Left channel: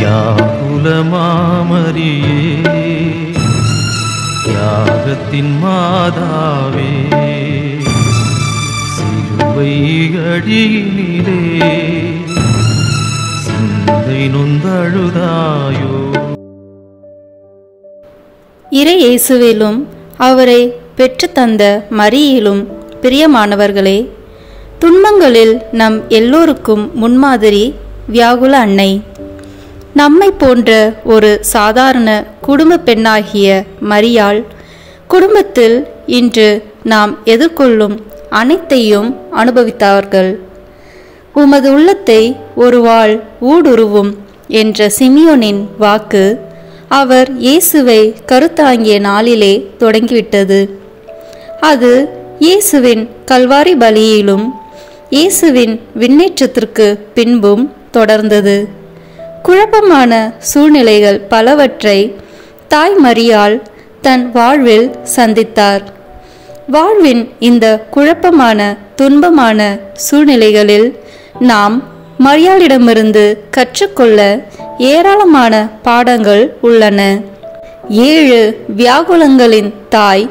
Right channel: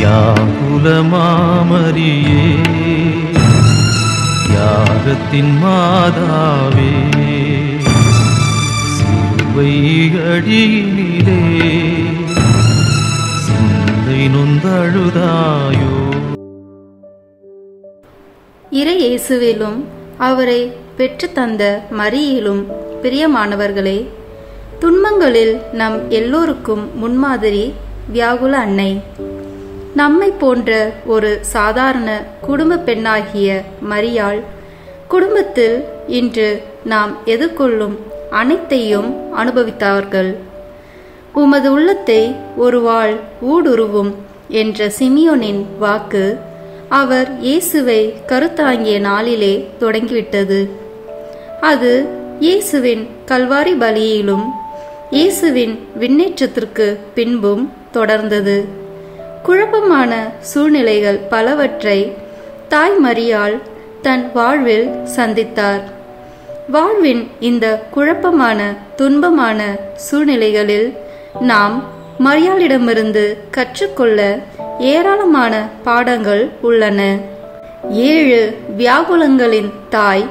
வியாகுலமாமரியே தியாகத்தின் மாதாவே சிலுவை அடியினிலே சிந்தை நொந்தழுதாயோ. இறை இயேசுவிலும் அவரை பெற்று தந்த மரியிலும் பிரியமானவர்களே, துன்பங்களில் நம் எல்லோருக்கும் முன்மாதிரி வியாகுல அன்னை. நம்மை போன்ற ஒரு சாதாரண குடும்ப பெண்ணாகிய மரியாள் குடும்பத்தில் இன்று நாம் எதிர்கொள்ளும் அனைத்தையும் அனுபவித்தார்கள். உமது உள்ளத்தை ஒருவாள் ஊடுருவும் என்ற சிமியோனின் வாக்கு அவர் இயேசுவை கருத்தாங்கிய நாளிலே தொடங்கிவிட்டது. அது இயேசுவின் கல்வாரி பலியிலும் இயேசுவின் விண்ணேற்றத்திற்கு பின்பும் தொடர்ந்தது. குழப்பமான சூழ்நிலைகள் பலவற்றை தாய் மரியாள் தன் வாழ்வில் சந்தித்தார். வாழ்வின் இந்த குழப்பமான துன்பமான சூழ்நிலைகளில் நாம் மரியாளிடமிருந்து கற்றுக்கொள்ள ஏராளமான பாடங்கள் உள்ளன. 7 வியாகுலங்களின் தாய்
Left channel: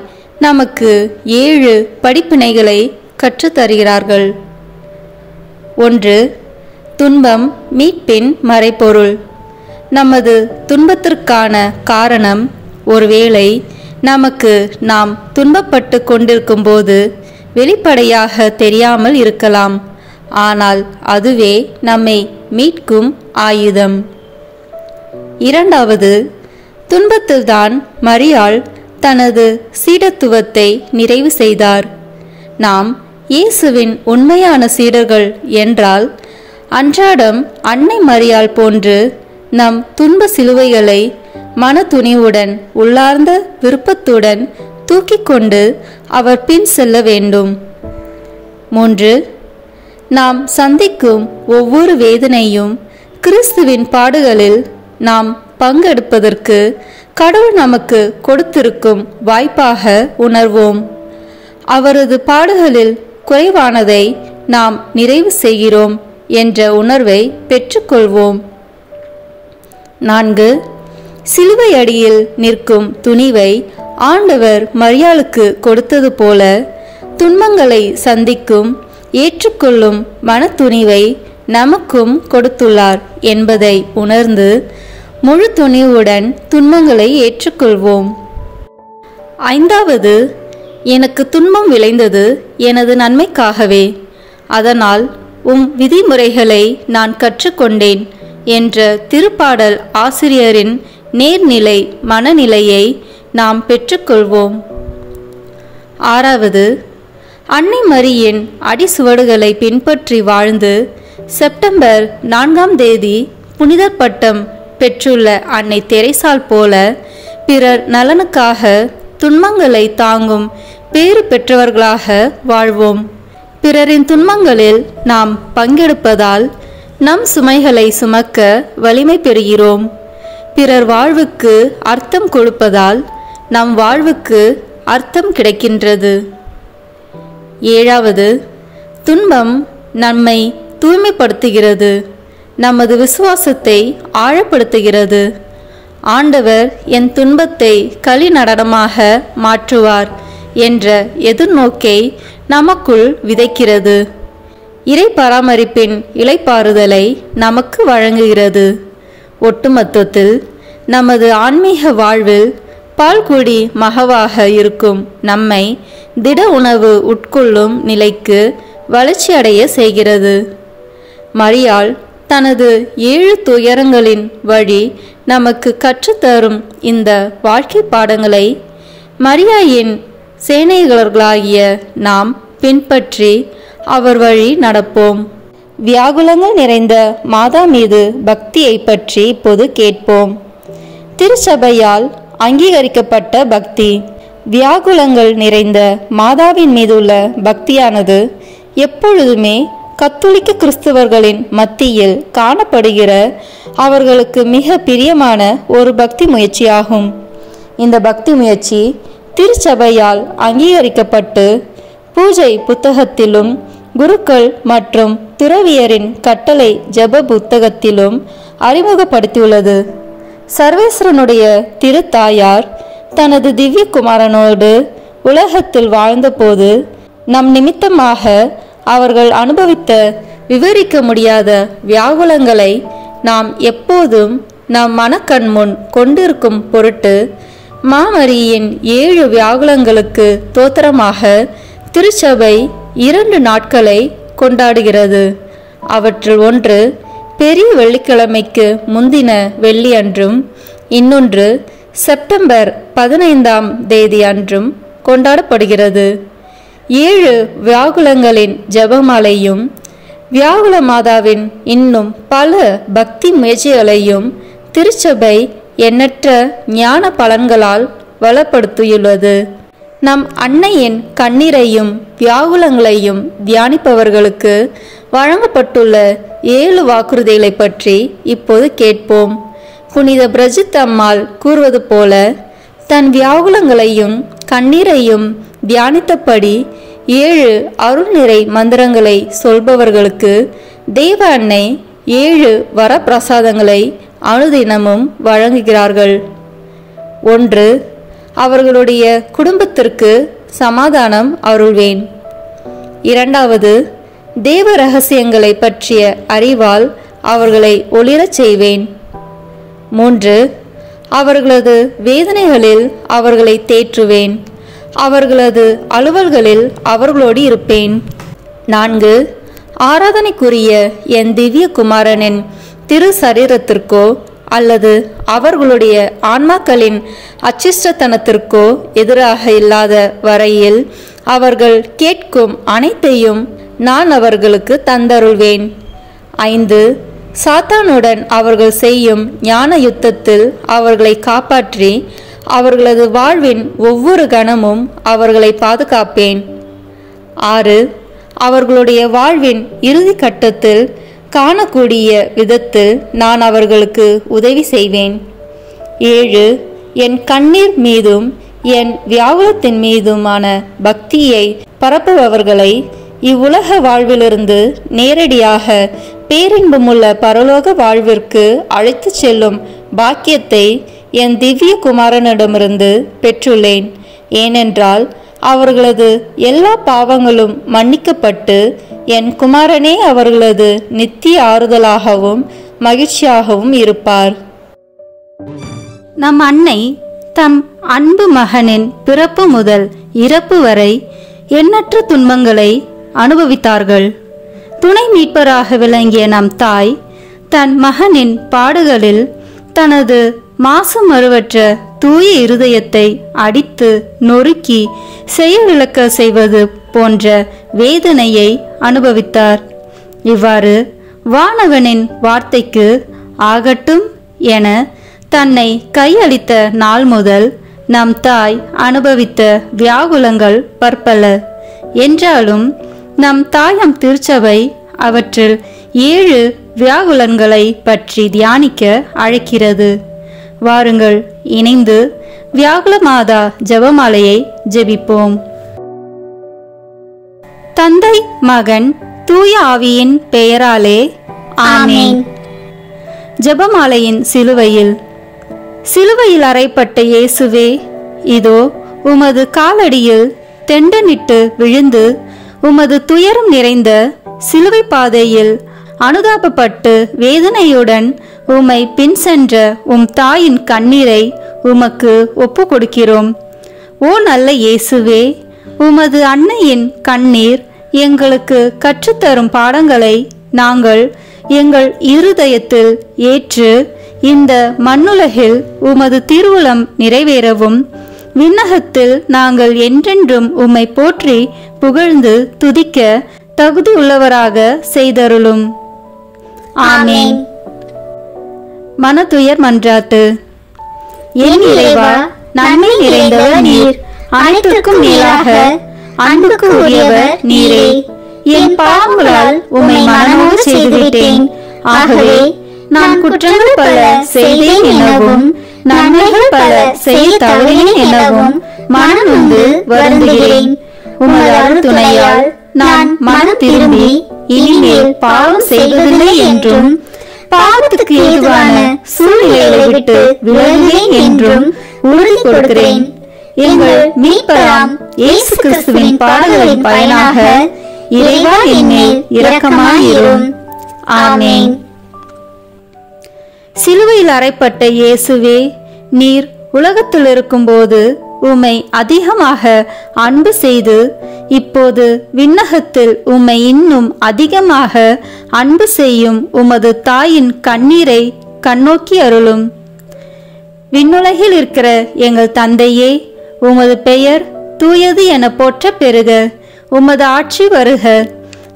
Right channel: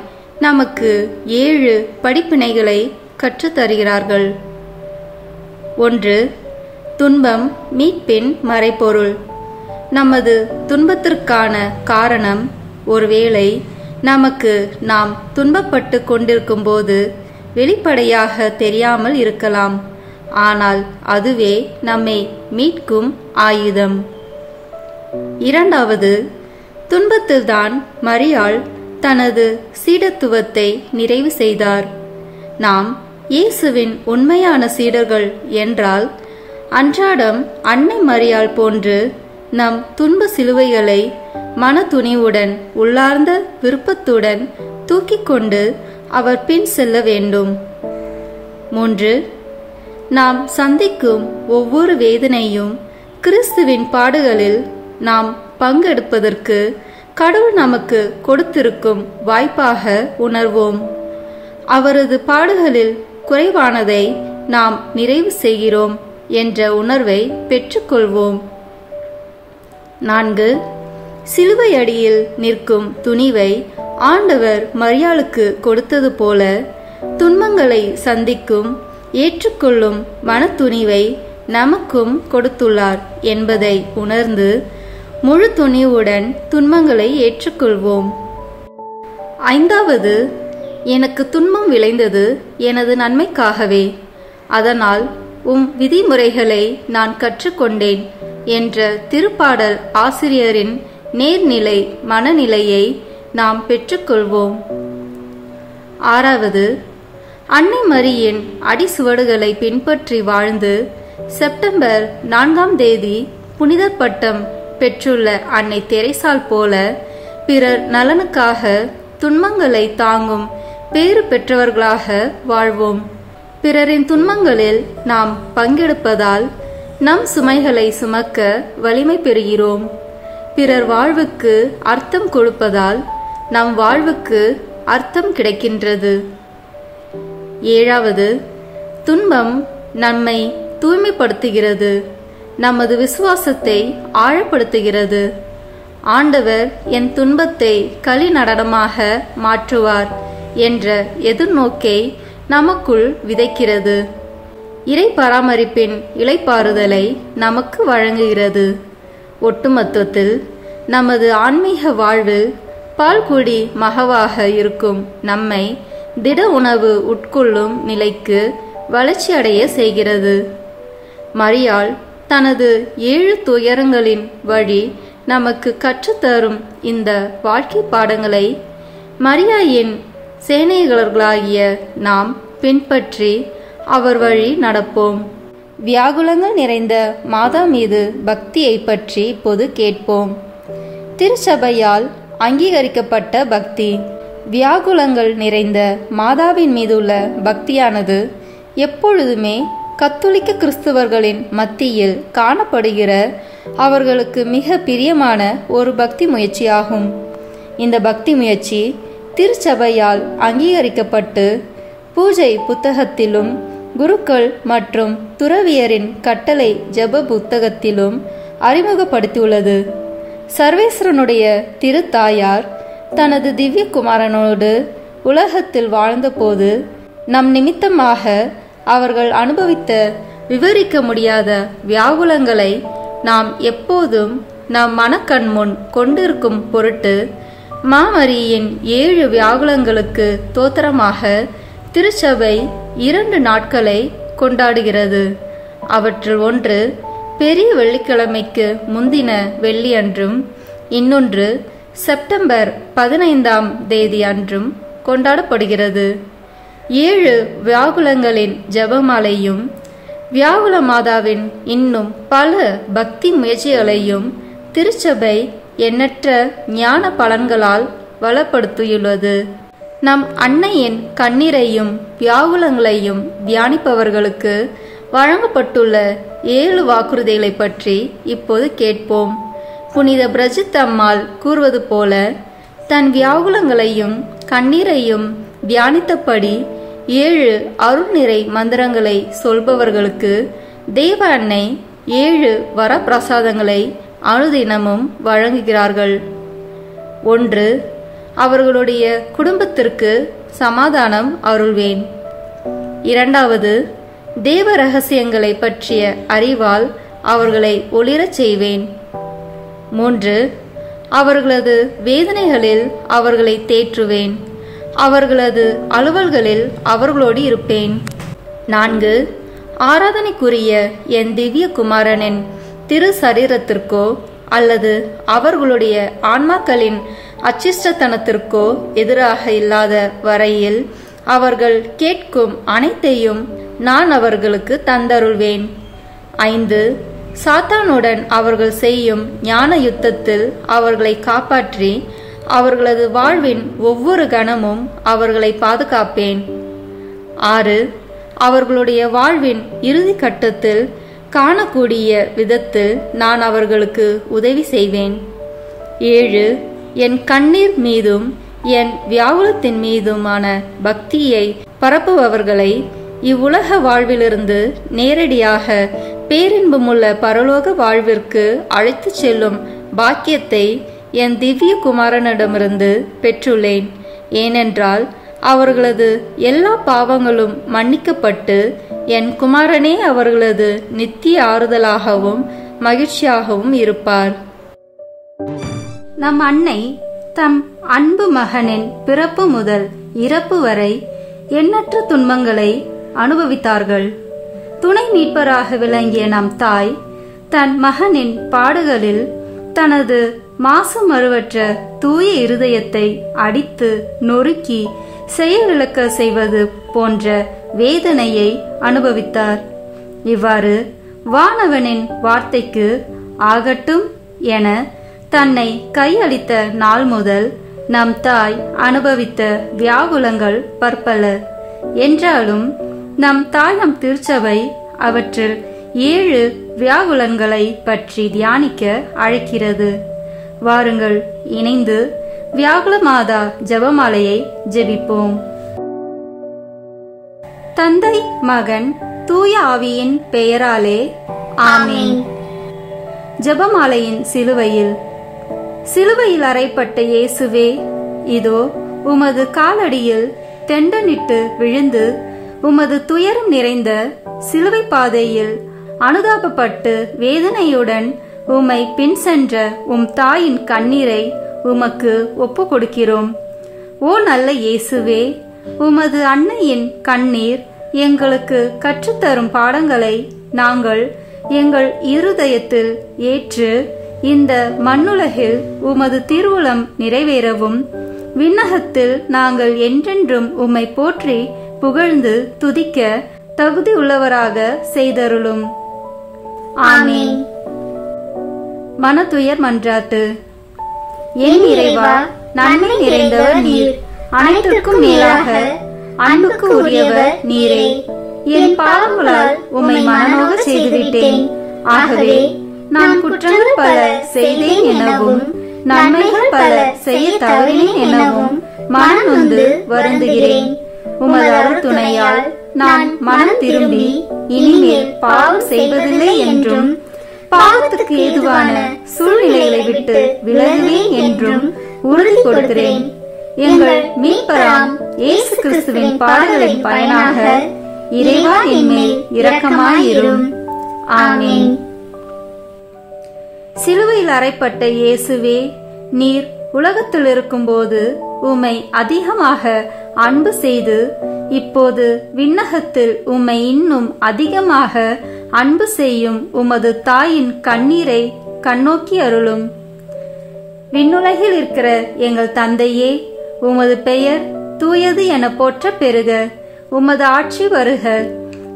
நமக்கு 7 படிப்பினைகளை கற்றுத்தருகிறார்கள். 1. துன்பம் மீட்பின் மறைபொருள். நமது துன்பத்திற்கான காரணம் ஒருவேளை நமக்கு நாம் துன்பப்பட்டு கொண்டிருக்கும் போது வெளிப்படையாக தெரியாமல் இருக்கலாம். ஆனால் அதுவே நம்மை மீட்கும் ஆயுதம். 2. துன்பத்தில்தான் மரியாள் தனது சீடத்துவத்தை நிறைவு செய்தார். நாம் இயேசுவின் உண்மையான சீடர்கள் என்றால் அன்றாடம் அன்னை மரியாள் போன்று நம் துன்ப சிலுவைகளை மன துணிவுடன் உள்ளார்ந்த விருப்பத்துடன் தூக்கி கொண்டு அவர் பின் செல்ல வேண்டும். 3. நாம் சந்திக்கும் ஒவ்வொரு வேதனையும் கிறிஸ்துவின் பாடுகளில் நாம் பங்கெடுப்பதற்கு கடவுள் நமக்கு கொடுத்திருக்கும் வாய்ப்பாக உணர்வோம். அவரது பாடுகளில் குறைவானதை நாம் நிறைவு செய்கிறோம் என்ற உணர்வை பெற்றுக்கொள்வோம். 4. சிலுவை அடியில் நிற்கும் துணிவை ஆண்டவர் மரியாளுக்கு கொடுத்தது போல துன்பங்களை சந்திக்கும் ஏற்றுக்கொள்ளும் மனத்துணிவை நமக்கும் கொடுத்துள்ளார் என்பதை உணர்ந்து முழு துணிவுடன் துன்பங்களை ஏற்றுக்கொள்வோம். 5. எனக்கு துன்பம் விளைந்தது எனது நன்மைக்காகவே, அதனால் விதிமுறைகளை நான் கற்றுக்கொண்டேன் என்ற திருப்பாடல் ஆசிரியரின் நேர்நிலை மனநிலையை நாம் பெற்றுக்கொள்வோம். 6. அன்னை மரியின் அடிசுவடுகளை பின்பற்றி வாழ்ந்து செப்டம்பர் 4 புனிதர் பட்டம் பெற்றுள்ள அன்னை தெரேசாள் போல பிறர் நலனுக்காக துன்பங்களை தாங்கும் பேறு பெற்றவர்களாக வாழ்வோம். பிறரின் துன்பங்களில் நாம் பங்கெடுப்பதால் நம் சுமைகளை சுமக்க வலிமை பெறுகிறோம். பிறர் வாழ்வுக்கு அர்த்தம் கொடுப்பதால் நம் வாழ்வுக்கு அர்த்தம் கிடைக்கின்றது. 7. துன்பம் நம்மை தூய்மைப்படுத்துகிறது, நமது விசுவாசத்தை ஆழப்படுத்துகிறது. ஆண்டவர் என் துன்பத்தை களி நடனமாக மாற்றுவார் என்ற எதிர்நோக்கை நமக்குள் விதைக்கிறது. இறை பராமரிப்பின் இளைப்பாறுதலை நமக்கு வழங்குகிறது. ஒட்டுமொத்தத்தில் நமது ஆன்மீக வாழ்வில் பால்குடி மகவாக இருக்கும் நம்மை திட உணவு உட்கொள்ளும் நிலைக்கு வளர்ச்சியடைய செய்கிறது. மரியாள் தனது 7 துயரங்களின் வழி நமக்கு கற்றுத்தரும் இந்த வாழ்க்கை பாடங்களை மரியாயின் சேனைகளர்களாகிய நாம் பின்பற்றி அவர் வழி நடப்போம். வியாகுலங்கள் நிறைந்த மாதா மீது பக்தியை பற்றி இப்போது கேட்போம். திருச்சபையால் அங்கீகரிக்கப்பட்ட பக்தி. வியாகுலங்கள் நிறைந்த மாதாவின் மீதுள்ள பக்தியானது எப்பொழுதுமே கத்தோலிக்க கிறிஸ்தவர்களின் மத்தியில் காணப்படுகிற அவர்களுக்கு மிக பிரியமான ஒரு பக்தி முயற்சியாகும். இந்த பக்தி முயற்சி திருச்சபையால் அங்கீகரிக்கப்பட்டு பூஜை புத்தகத்திலும் குருக்கள் மற்றும் துறவியரின் கட்டளை ஜெப புத்தகத்திலும் அறிமுகப்படுத்தியுள்ளது. சர்வேஸ்வரனுடைய திருத்தாயார் தனது திவ்ய குமாரனோடு உலகத்தில் வாழ்ந்தபோது நம் நிமித்தமாக அவர்கள் அனுபவித்த விவரிக்க முடியாத வியாகுலங்களை நாம் எப்போதும் நம் மனக்கண் முன் கொண்டிருக்கும் பொருட்டு மாமரியின் 7 வியாகுலங்களுக்கு தோத்திரமாக திருச்சபை 2 நாட்களை கொண்டாடுகிறது. அவற்றில் ஒன்று பெரிய வெள்ளிக்கிழமைக்கு முந்தின வெள்ளி அன்றும், இன்னொன்று செப்டம்பர் 15ஆம் தேதி அன்றும் கொண்டாடப்படுகிறது. 7 வியாகுலங்களின் ஜெபமாலையும் வியாகுல மாதாவின் இன்னும் பல பக்தி முயற்சிகளையும் திருச்சபை எண்ணற்ற ஞான பலன்களால் வளப்படுத்தியுள்ளது. நம் அன்னையின் கண்ணீரையும் வியாகுலங்களையும் தியானிப்பவர்களுக்கு வழங்கப்பட்டுள்ள 7 வாக்குறுதிகளை பற்றி இப்போது கேட்போம். புனித பிரஜித் அம்மாள் கூறுவது போல, தன் வியாகுலங்களையும் கண்ணீரையும் தியானித்தபடி 7 அருள்நிறை மந்திரங்களை சொல்பவர்களுக்கு தேவ அன்னை 7 வரப்பிரசாதங்களை அனுதினமும் வழங்குகிறார்கள். 1. அவர்களுடைய குடும்பத்திற்கு சமாதானம் அருள்வேன். 2. தேவ ரகசியங்களை பற்றிய அறிவால் அவர்களை ஒளிரச் செய்வேன். 3. அவர்களது வேதனைகளில் அவர்களை தேற்றுவேன். அவர்களது அலுவல்களில் அவர்களோடு இருப்பேன். 4. ஆராதனைக்குரிய என் திவ்ய குமாரனின் திரு சரீரத்திற்கோ அல்லது அவர்களுடைய ஆன்மாக்களின் அச்சிஷ்டத்தனத்திற்கோ எதிராக இல்லாத வரையில் அவர்கள் கேட்கும் அனைத்தையும் நான் அவர்களுக்கு தந்தருள்வேன். 5. சாத்தானுடன் அவர்கள் செய்யும் ஞான யுத்தத்தில் அவர்களை காப்பாற்றி அவர்களது வாழ்வின் ஒவ்வொரு கணமும் அவர்களை பாதுகாப்பேன். 6. அவர்களுடைய வாழ்வின் இறுதி கட்டத்தில் காணக்கூடிய விதத்தில் நான் அவர்களுக்கு உதவி செய்வேன். 7. என் கண்ணீர் மீதும் என் வியாகுலத்தின் மீதுமான பக்தியை பரப்புபவர்களை இவ்வுலக வாழ்விலிருந்து நேரடியாக பேரின்பமுள்ள பரலோக வாழ்விற்கு அழைத்து செல்லும் பாக்கியத்தை என் திவ்ய குமாரனிடமிருந்து பெற்றுள்ளேன். ஏனென்றால் அவர்களது எல்லா பாவங்களும் மன்னிக்கப்பட்டு என் குமாரனே அவர்களது நித்திய ஆறுதலாகவும் மகிழ்ச்சியாகவும் இருப்பார். நம் அன்னை தம் அன்பு மகனின் பிறப்பு முதல் இறப்பு வரை எண்ணற்ற துன்பங்களை அனுபவித்தார்கள். துணை மீட்பராக விளங்கிய நம் தாய் தன் மகனின் பாடுகளில் தனது மாசு மறுவற்ற தூய இருதயத்தை அடித்து நொறுக்கி செயலிழக்க செய்வது போன்ற வேதனையை அனுபவித்தார். இவ்வாறு வானவனின் வார்த்தைக்கு ஆகட்டும் என தன்னை கையளித்த நாள் முதல் நம் தாய் அனுபவித்த வியாகுலங்கள் பற்பல. என்றாலும் நம் தாயம் திருச்சபை அவற்றில் 7 வியாகுலங்களை பற்றி தியானிக்க அழைக்கிறது. வாருங்கள், இணைந்து வியாகுல மாதா ஜெபமாலையை ஜெபிப்போம். தந்தை, மகன், தூய ஆவியின் பெயராலே ஆமென். ஜெபமாலையின் சிலுவையில். சிலுவையில் அறைப்பட்ட இயேசுவே, இதோ உமது காலடியில் தெண்டனிட்டு விழுந்து உமது துயரம் நிறைந்த சிலுவை பாதையில் அனுதாபப்பட்டு வேதனையுடன் உம்மை பின் சென்ற உம் தாயின் கண்ணீரை உமக்கு ஒப்பு கொடுக்கிறோம். ஓ நல்ல இயேசுவே, உமது அன்னையின் கண்ணீர் எங்களுக்கு கற்றுத்தரும் பாடங்களை நாங்கள் எங்கள் இருதயத்தில் ஏற்று இந்த மண்ணுலகில் உமது திருவுளம் நிறைவேறவும் விண்ணகத்தில் நாங்கள் என்றென்றும் உம்மை போற்றி புகழ்ந்து துதிக்க தகுதி உள்ளவராக செய்தருளும். ஆமென். மனதுயர் மன்றாட்டு. என் இறைவா, நன்மை நிறைந்தவர் நீர், அனைத்துக்கும் மேலாக அன்புக்கு உரியவர் நீரே. என் பாவங்களால் உம்மை மனமோடு செய்துவிட்டேன். ஆகவே நான் குற்றங்கள் பல செய்தேன் எனவும் நன்மைகள் பல செய்ய தவறினேன் எனவும் மனம் நொந்து வருந்துகிறேன். உமது அருள் துணையால் நான் மனம் திரும்பி இனிமேல் பாவம் செய்வதில்லை என்றும் பாவத்துக்கு ஏதுவான சூழ்நிலைகளை விட்டு விலகுவேன் என்றும் உறுதி கொடுக்கிறேன். எங்கள் மீட்பராம் இயேசு கிறிஸ்துவின் பாடுகளின் பயனாக இறைவா என்மேல் இரக்கமாயிரும். ஆமென். சிலுவையில் அறைப்பட்ட இயேசுவே, நீர் உலகத்தில் இருக்கும்போது உம்மை அதிகமாக அன்பு செய்து இப்போது விண்ணகத்தில் உம்மை இன்னும் அதிகமாக அன்பு செய்யும் உமது தாயின் கண்ணீரை கண்ணோக்கி அருளும். விண்ணுலகில் இருக்கிற எங்கள் தந்தையே, உமது பெயர் தூயது என போற்ற பெறுக. உமது ஆட்சி வருக.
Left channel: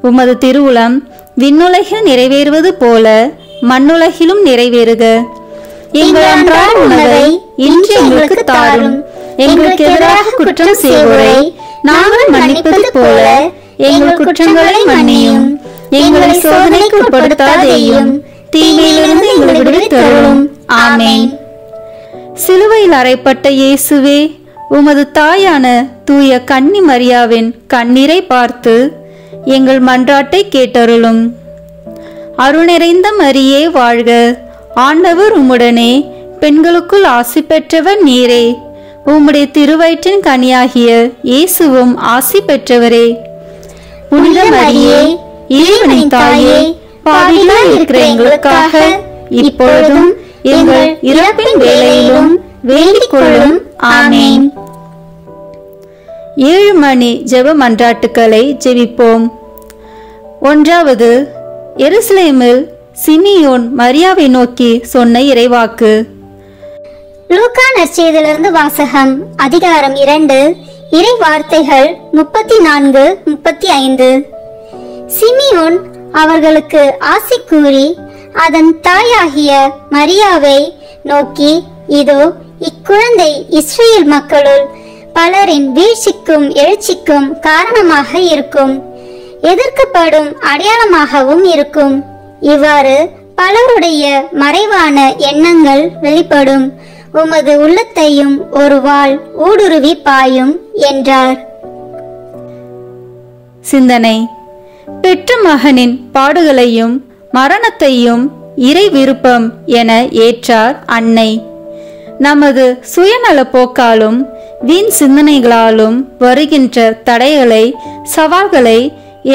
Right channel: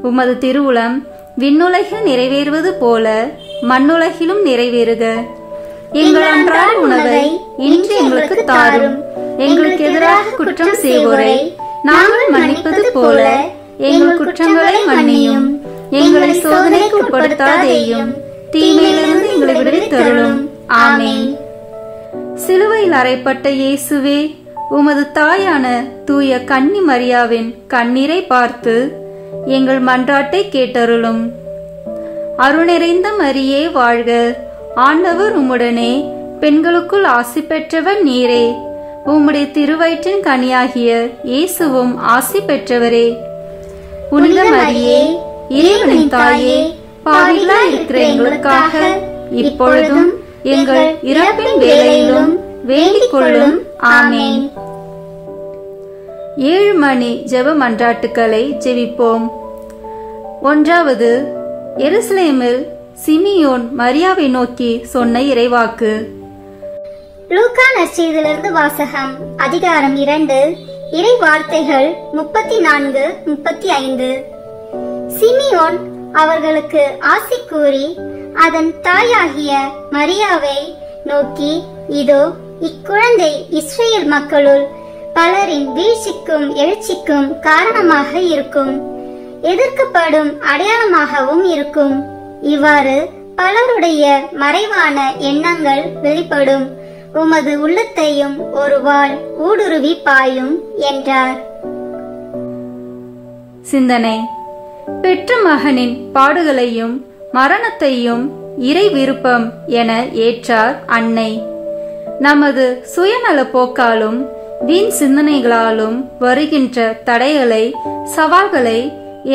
உமது திருவுளம் விண்ணுலகில் நிறைவேறுவது போல மண்ணுலகிலும் நிறைவேறுக. எங்கள் அன்றாட உணவை இன்று எங்களுக்கு தாரும். எங்களுக்கு எதிராக குற்றம் செய்வோரை நாங்கள் மன்னிப்பது போல எங்கள் குற்றங்களை மன்னியும். எங்களை சோதனைக்கு உட்படுத்தாதேயும், தீமையிலிருந்து எங்களை விடுவித்தருளும். ஆமென். சிலுவையில் அறைப்பட்ட இயேசுவே, உமது தாயான தூய கன்னி மரியாவின் கண்ணீரை பார்த்து எங்கள் மன்றாட்டை கேட்டருளும். அருள் நிறைந்த மரியே வாழ்க. ஆண்டவர் உம்முடனே, பெண்களுக்குள் ஆசி பெற்றவர் நீரே. உம்முடைய திருவயிற்றின் கனியாகிய இயேசுவும் ஆசி பெற்றவரே. புனித மரியே, இறைவனின் தாயே, பாவிகளாய் இருக்கிற எங்களுக்காக இப்பொழுதும் எங்கள் இறப்பின் வேளையிலும் வேண்டிக் கொள்ளும். ஆமென். 7 மணி ஜெப மன்றாட்டுக்களை ஜெபிப்போம். 1. எருசலேமில் சிமியோன் மரியாவை நோக்கி சொன்ன இறைவாக்கு. லூக்கா நற்செய்தியிலிருந்து வாசகம். அதிகாரம் 2, இறை வார்த்தைகள் 34-35. சிமியோன் அவர்களுக்கு ஆசி கூறி அதன் தாயாகிய மரியாவை நோக்கி, இதோ இக்குழந்தை இஸ்ரேல் மக்களுள் பலரின் வீழ்ச்சிக்கும் எழுச்சிக்கும் காரணமாக இருக்கும், எதிர்க்கப்படும் அடையாளமாகவும் இருக்கும். இவ்வாறு பலருடைய மறைவான எண்ணங்கள் வெளிப்படும். உமது உள்ளத்தையும் ஒரு வாள் ஊடுருவி பாயும் என்றார். சிந்தனை. பெற்ற மகனின் பாடுகளையும் மரணத்தையும் இறை விருப்பம் என ஏற்றார் அன்னை. நமது சுயநல போக்காலும் வீண் சிந்தனைகளாலும் வருகின்ற தடைகளை, சவால்களை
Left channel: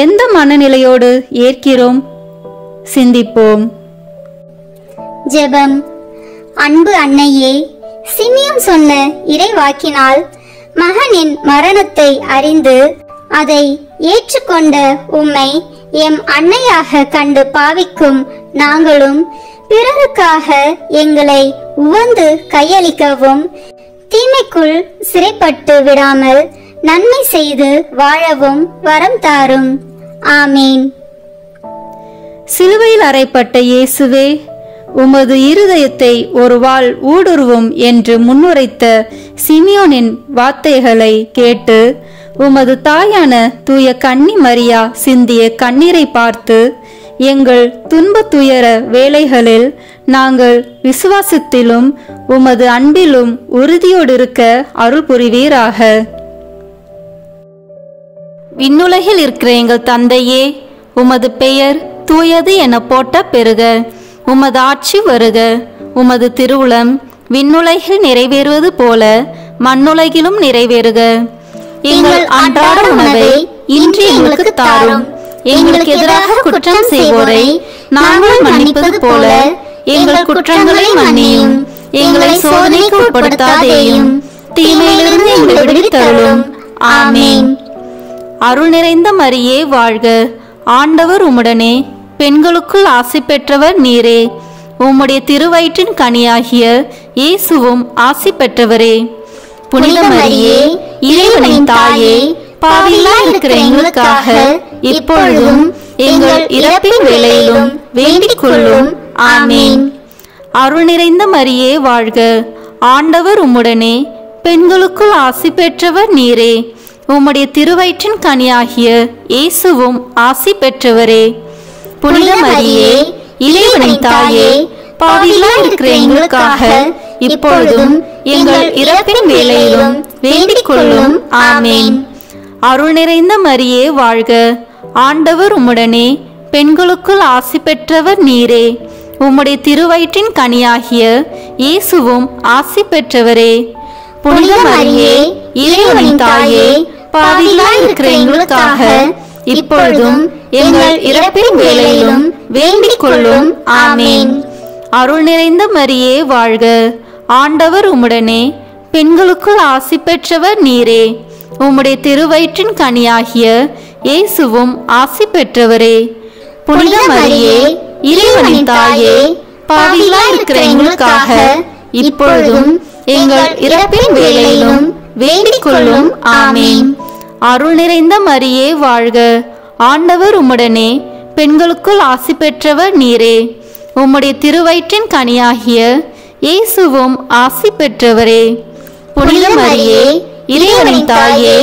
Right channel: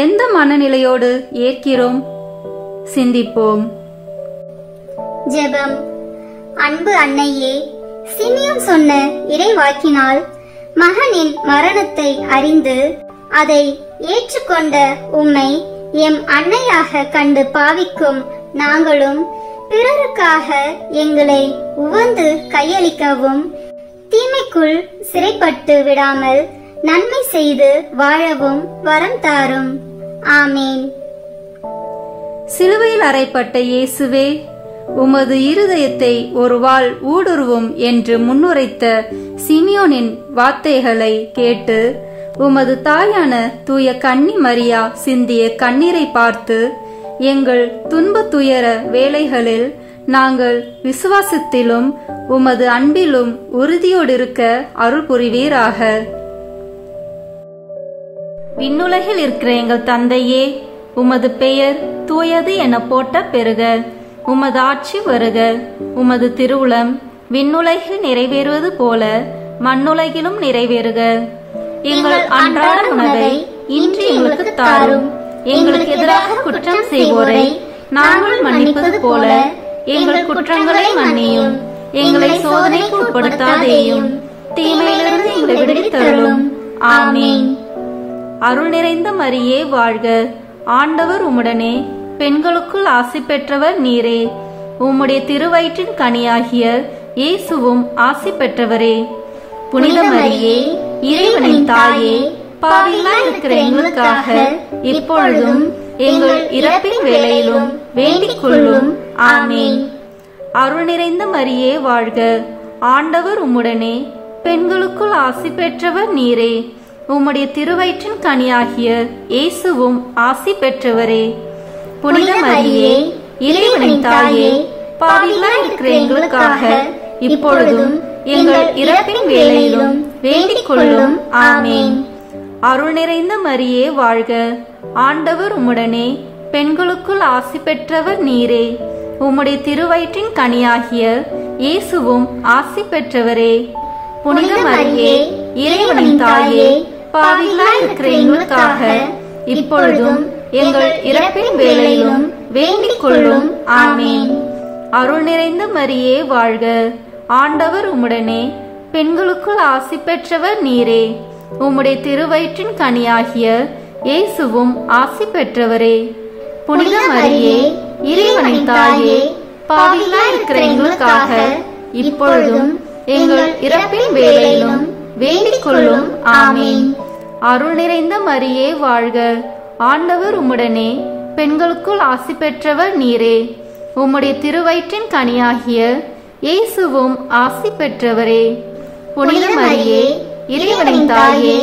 எந்த மனநிலையோடு ஏற்கிறோம்? சிந்திப்போம். ஜெபம். அன்பு அன்னையே, சிமியோன் சொன்ன இறைவாக்கினால் மகனின் மரணத்தை அறிந்து அதை ஏற்றுக்கொண்ட உம்மை எம் அன்னையாக கண்டு பாவிக்கும் நாங்களும் பிறருக்காக எங்களை உவந்து கையளிக்கவும், தீமைக்குள் சிறைப்பட்டு விடாமல் நன்மை செய்து வாழவும் வரம் தாரும். ஆமீன். சிலுவையில் அறைப்பட்ட இயேசுவே, உமது இருதயத்தை ஒரு வாள் ஊடுருவும் என்று முன்னுரைத்த சிமியோனின் வார்த்தைகளை கேட்டு உமது தாயான தூய கன்னி மரியா சிந்திய கண்ணீரை பார்த்து எங்கள் துன்ப துயர வேளைகளில் நாங்கள் விசுவாசத்திலும் உமது அன்பிலும் உறுதியோடு இருக்க அருள் புரிவீராக. விண்ணுலகில் இருக்கிற எங்கள் தந்தையே, உமது பெயர் தூயது என போற்ற பெறுக. உமது ஆட்சி வருக. உமது திருவுளம் விண்ணுலகில் நிறைவேறுவது போல மண்ணுலகிலும் நிறைவேறுக. எங்கள் அன்றாட உணவை இன்று எங்களுக்கு தாரும். எங்களுக்கு எதிராக குற்றம் செய்வோரை நாங்கள் மன்னிப்பது போல எங்கள் குற்றங்களை மன்னியும். எங்களை சோதனைக்கு உட்படுத்தாதேயும், தீமையிலிருந்து எங்களை விடுவித்தருளும். ஆமீன். அருள் நிறைந்த மரியே வாழ்க. ஆண்டவர் உம்முடனே, பெண்களுக்குள் ஆசி பெற்றவர் நீரே. உம்முடைய திருவயிற்றின் கனியாகிய இயேசுவும் ஆசி பெற்றவரே. புனித மரியே, இறைவனின் தாயே, பாவிகளாய் இருக்கிற எங்களுக்காக இப்பொழுதும் எங்கள் இறப்பின் வேளையிலும் வேண்டிக் கொள்ளும். ஆமீன். அருள் நிறைந்த மரியே வாழ்க. ஆண்டவர் உம்முடனே, பெண்களுக்குள் ஆசி பெற்றவர் நீரே. உம்முடைய திருவயிற்றின் கனியாகிய இயேசுவும் ஆசி பெற்றவரே. புனித மரியே, இறைவனின் தாயே, பாவிகளாய் இருக்கிற எங்களுக்காக இப்பொழுதும் எங்கள் இறப்பின் வேளையிலும் வேண்டிக் கொள்ளும். ஆமீன். அருள் நிறைந்த மரியே வாழ்க. ஆண்டவர் உம்முடனே, பெண்களுக்குள் ஆசி பெற்றவர் நீரே. உம்முடைய திருவயிற்றின் கனியாகிய இயேசுவும் ஆசி பெற்றவரே. புனித மரியே, இறைவனின் தாயே, பாவிகளாய் இருக்கிற எங்களுக்காக இப்பொழுதும் எங்கள் இறப்பின் வேளையிலும் வேண்டிக் கொள்ளும். ஆமேன். அருள் நிறைந்த மரியே வாழ்க. ஆண்டவர் உம்முடனே, பெண்களுக்குள் ஆசி பெற்றவர் நீரே. உம்முடைய திருவயிற்றின் கனியாகிய இயேசுவும் ஆசி பெற்றவரே. புனித மரியே, இறைவனின் தாயே, பாவிகளாய் இருக்கிற எங்களுக்காக இப்பொழுதும் எங்கள் இறப்பின் வேளையிலும் வேண்டிக் கொள்ளும். ஆமேன். அருள் நிறைந்த மரியே வாழ்க. ஆண்டவர் உம்முடனே, பெண்களுக்குள் ஆசி பெற்றவர் நீரே. உம்முடைய திருவயிற்றின் கனியாகிய இயேசுவும் ஆசி பெற்றவரே. புனித மரியே, இறைவனின் தாயே,